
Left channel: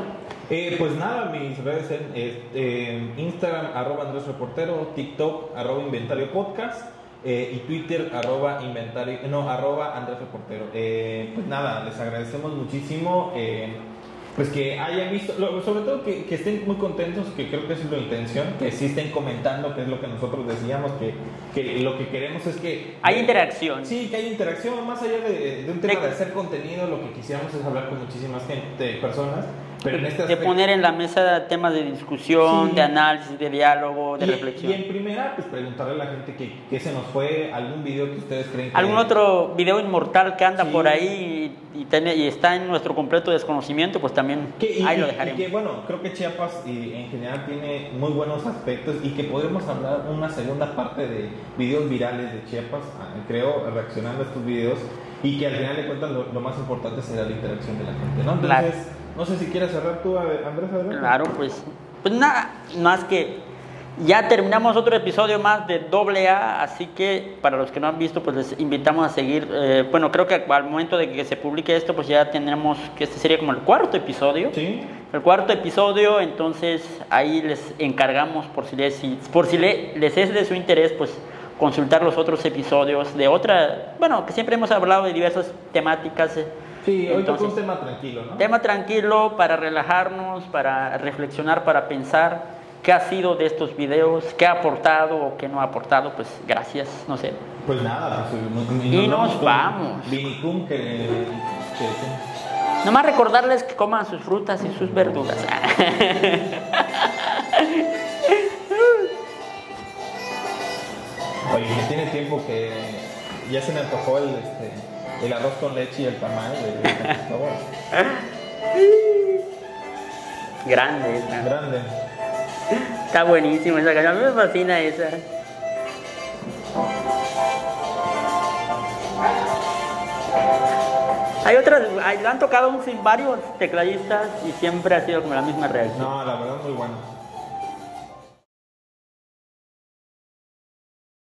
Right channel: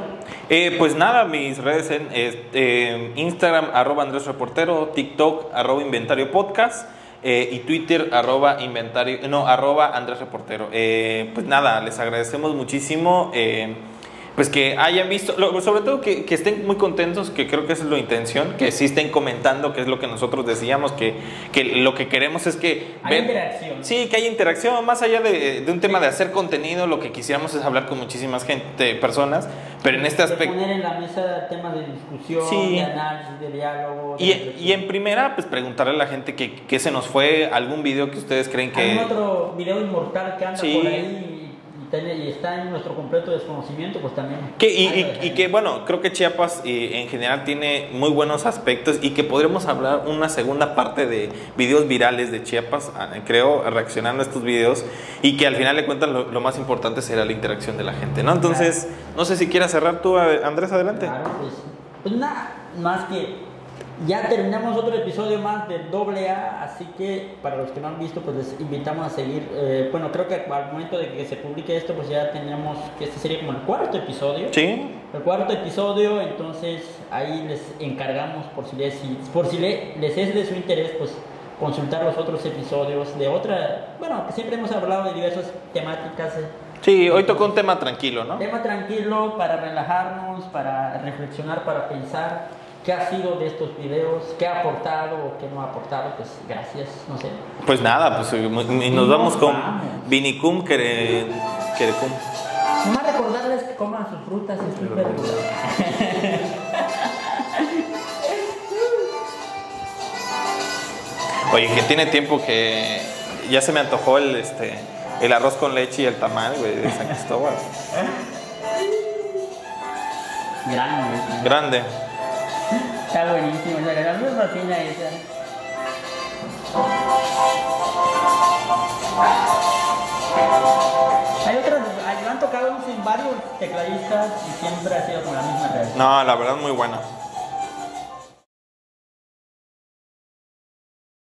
Pues nada, mis redes en Instagram @Andrés Reportero, TikTok @Inventario Podcast, y Twitter @Andrés Reportero. Pues nada, les agradecemos muchísimo. Pues que hayan visto, sobre todo que estén muy contentos, que creo que esa es la intención, que sí estén comentando, que es lo que nosotros decíamos, que lo que queremos es que... Hay interacción. Sí, que haya interacción, más allá de un tema de hacer contenido, lo que quisiéramos es hablar con muchísimas personas, pero en este aspecto... De poner en la mesa temas de discusión, sí, de análisis, de diálogo, de reflexión. Y en primera, pues preguntarle a la gente que se nos fue, algún video que ustedes creen que... Algún otro video inmortal que anda sí, por ahí y está en nuestro completo desconocimiento, pues también... Y que bueno, creo que Chiapas en general tiene muy buenos aspectos, y que podremos hablar una segunda parte de videos virales de Chiapas, creo, reaccionando a estos videos, y que al final de cuentas lo más importante será la interacción de la gente, ¿no? Entonces, claro. No sé si quieras cerrar tú, Andrés, adelante. Claro, pues nada, más que ya terminamos otro episodio más de AA, así que para los que no han visto, pues les invitamos a seguir. Bueno, creo que al momento de que se publique esto, pues ya tendremos que este sería como el cuarto episodio. Sí. El cuarto episodio, entonces ahí les encargamos, por si les es de su interés, pues consultar los otros episodios de bueno, que siempre hemos hablado de diversas temáticas. Sí, hoy tocó un tema tranquilo, ¿no? Tema tranquilo para relajarnos, para reflexionar, para pensar qué ha sido de estos videos, qué ha aportado o qué no ha aportado. Pues gracias, no sé. Pues nada, pues nos vamos con Vinicum Querecum. Nomás recordarles que coman sus frutas y sus verduras. Oye, que tiene tiempo que ya se me antojó el arroz con leche y el tamal, güey, de San Cristóbal. Grande. Está buenísima esa canción, a mí me fascina esa. Hay otras, han tocado varios tecladistas y siempre ha sido como la misma reacción. No, la verdad muy buena.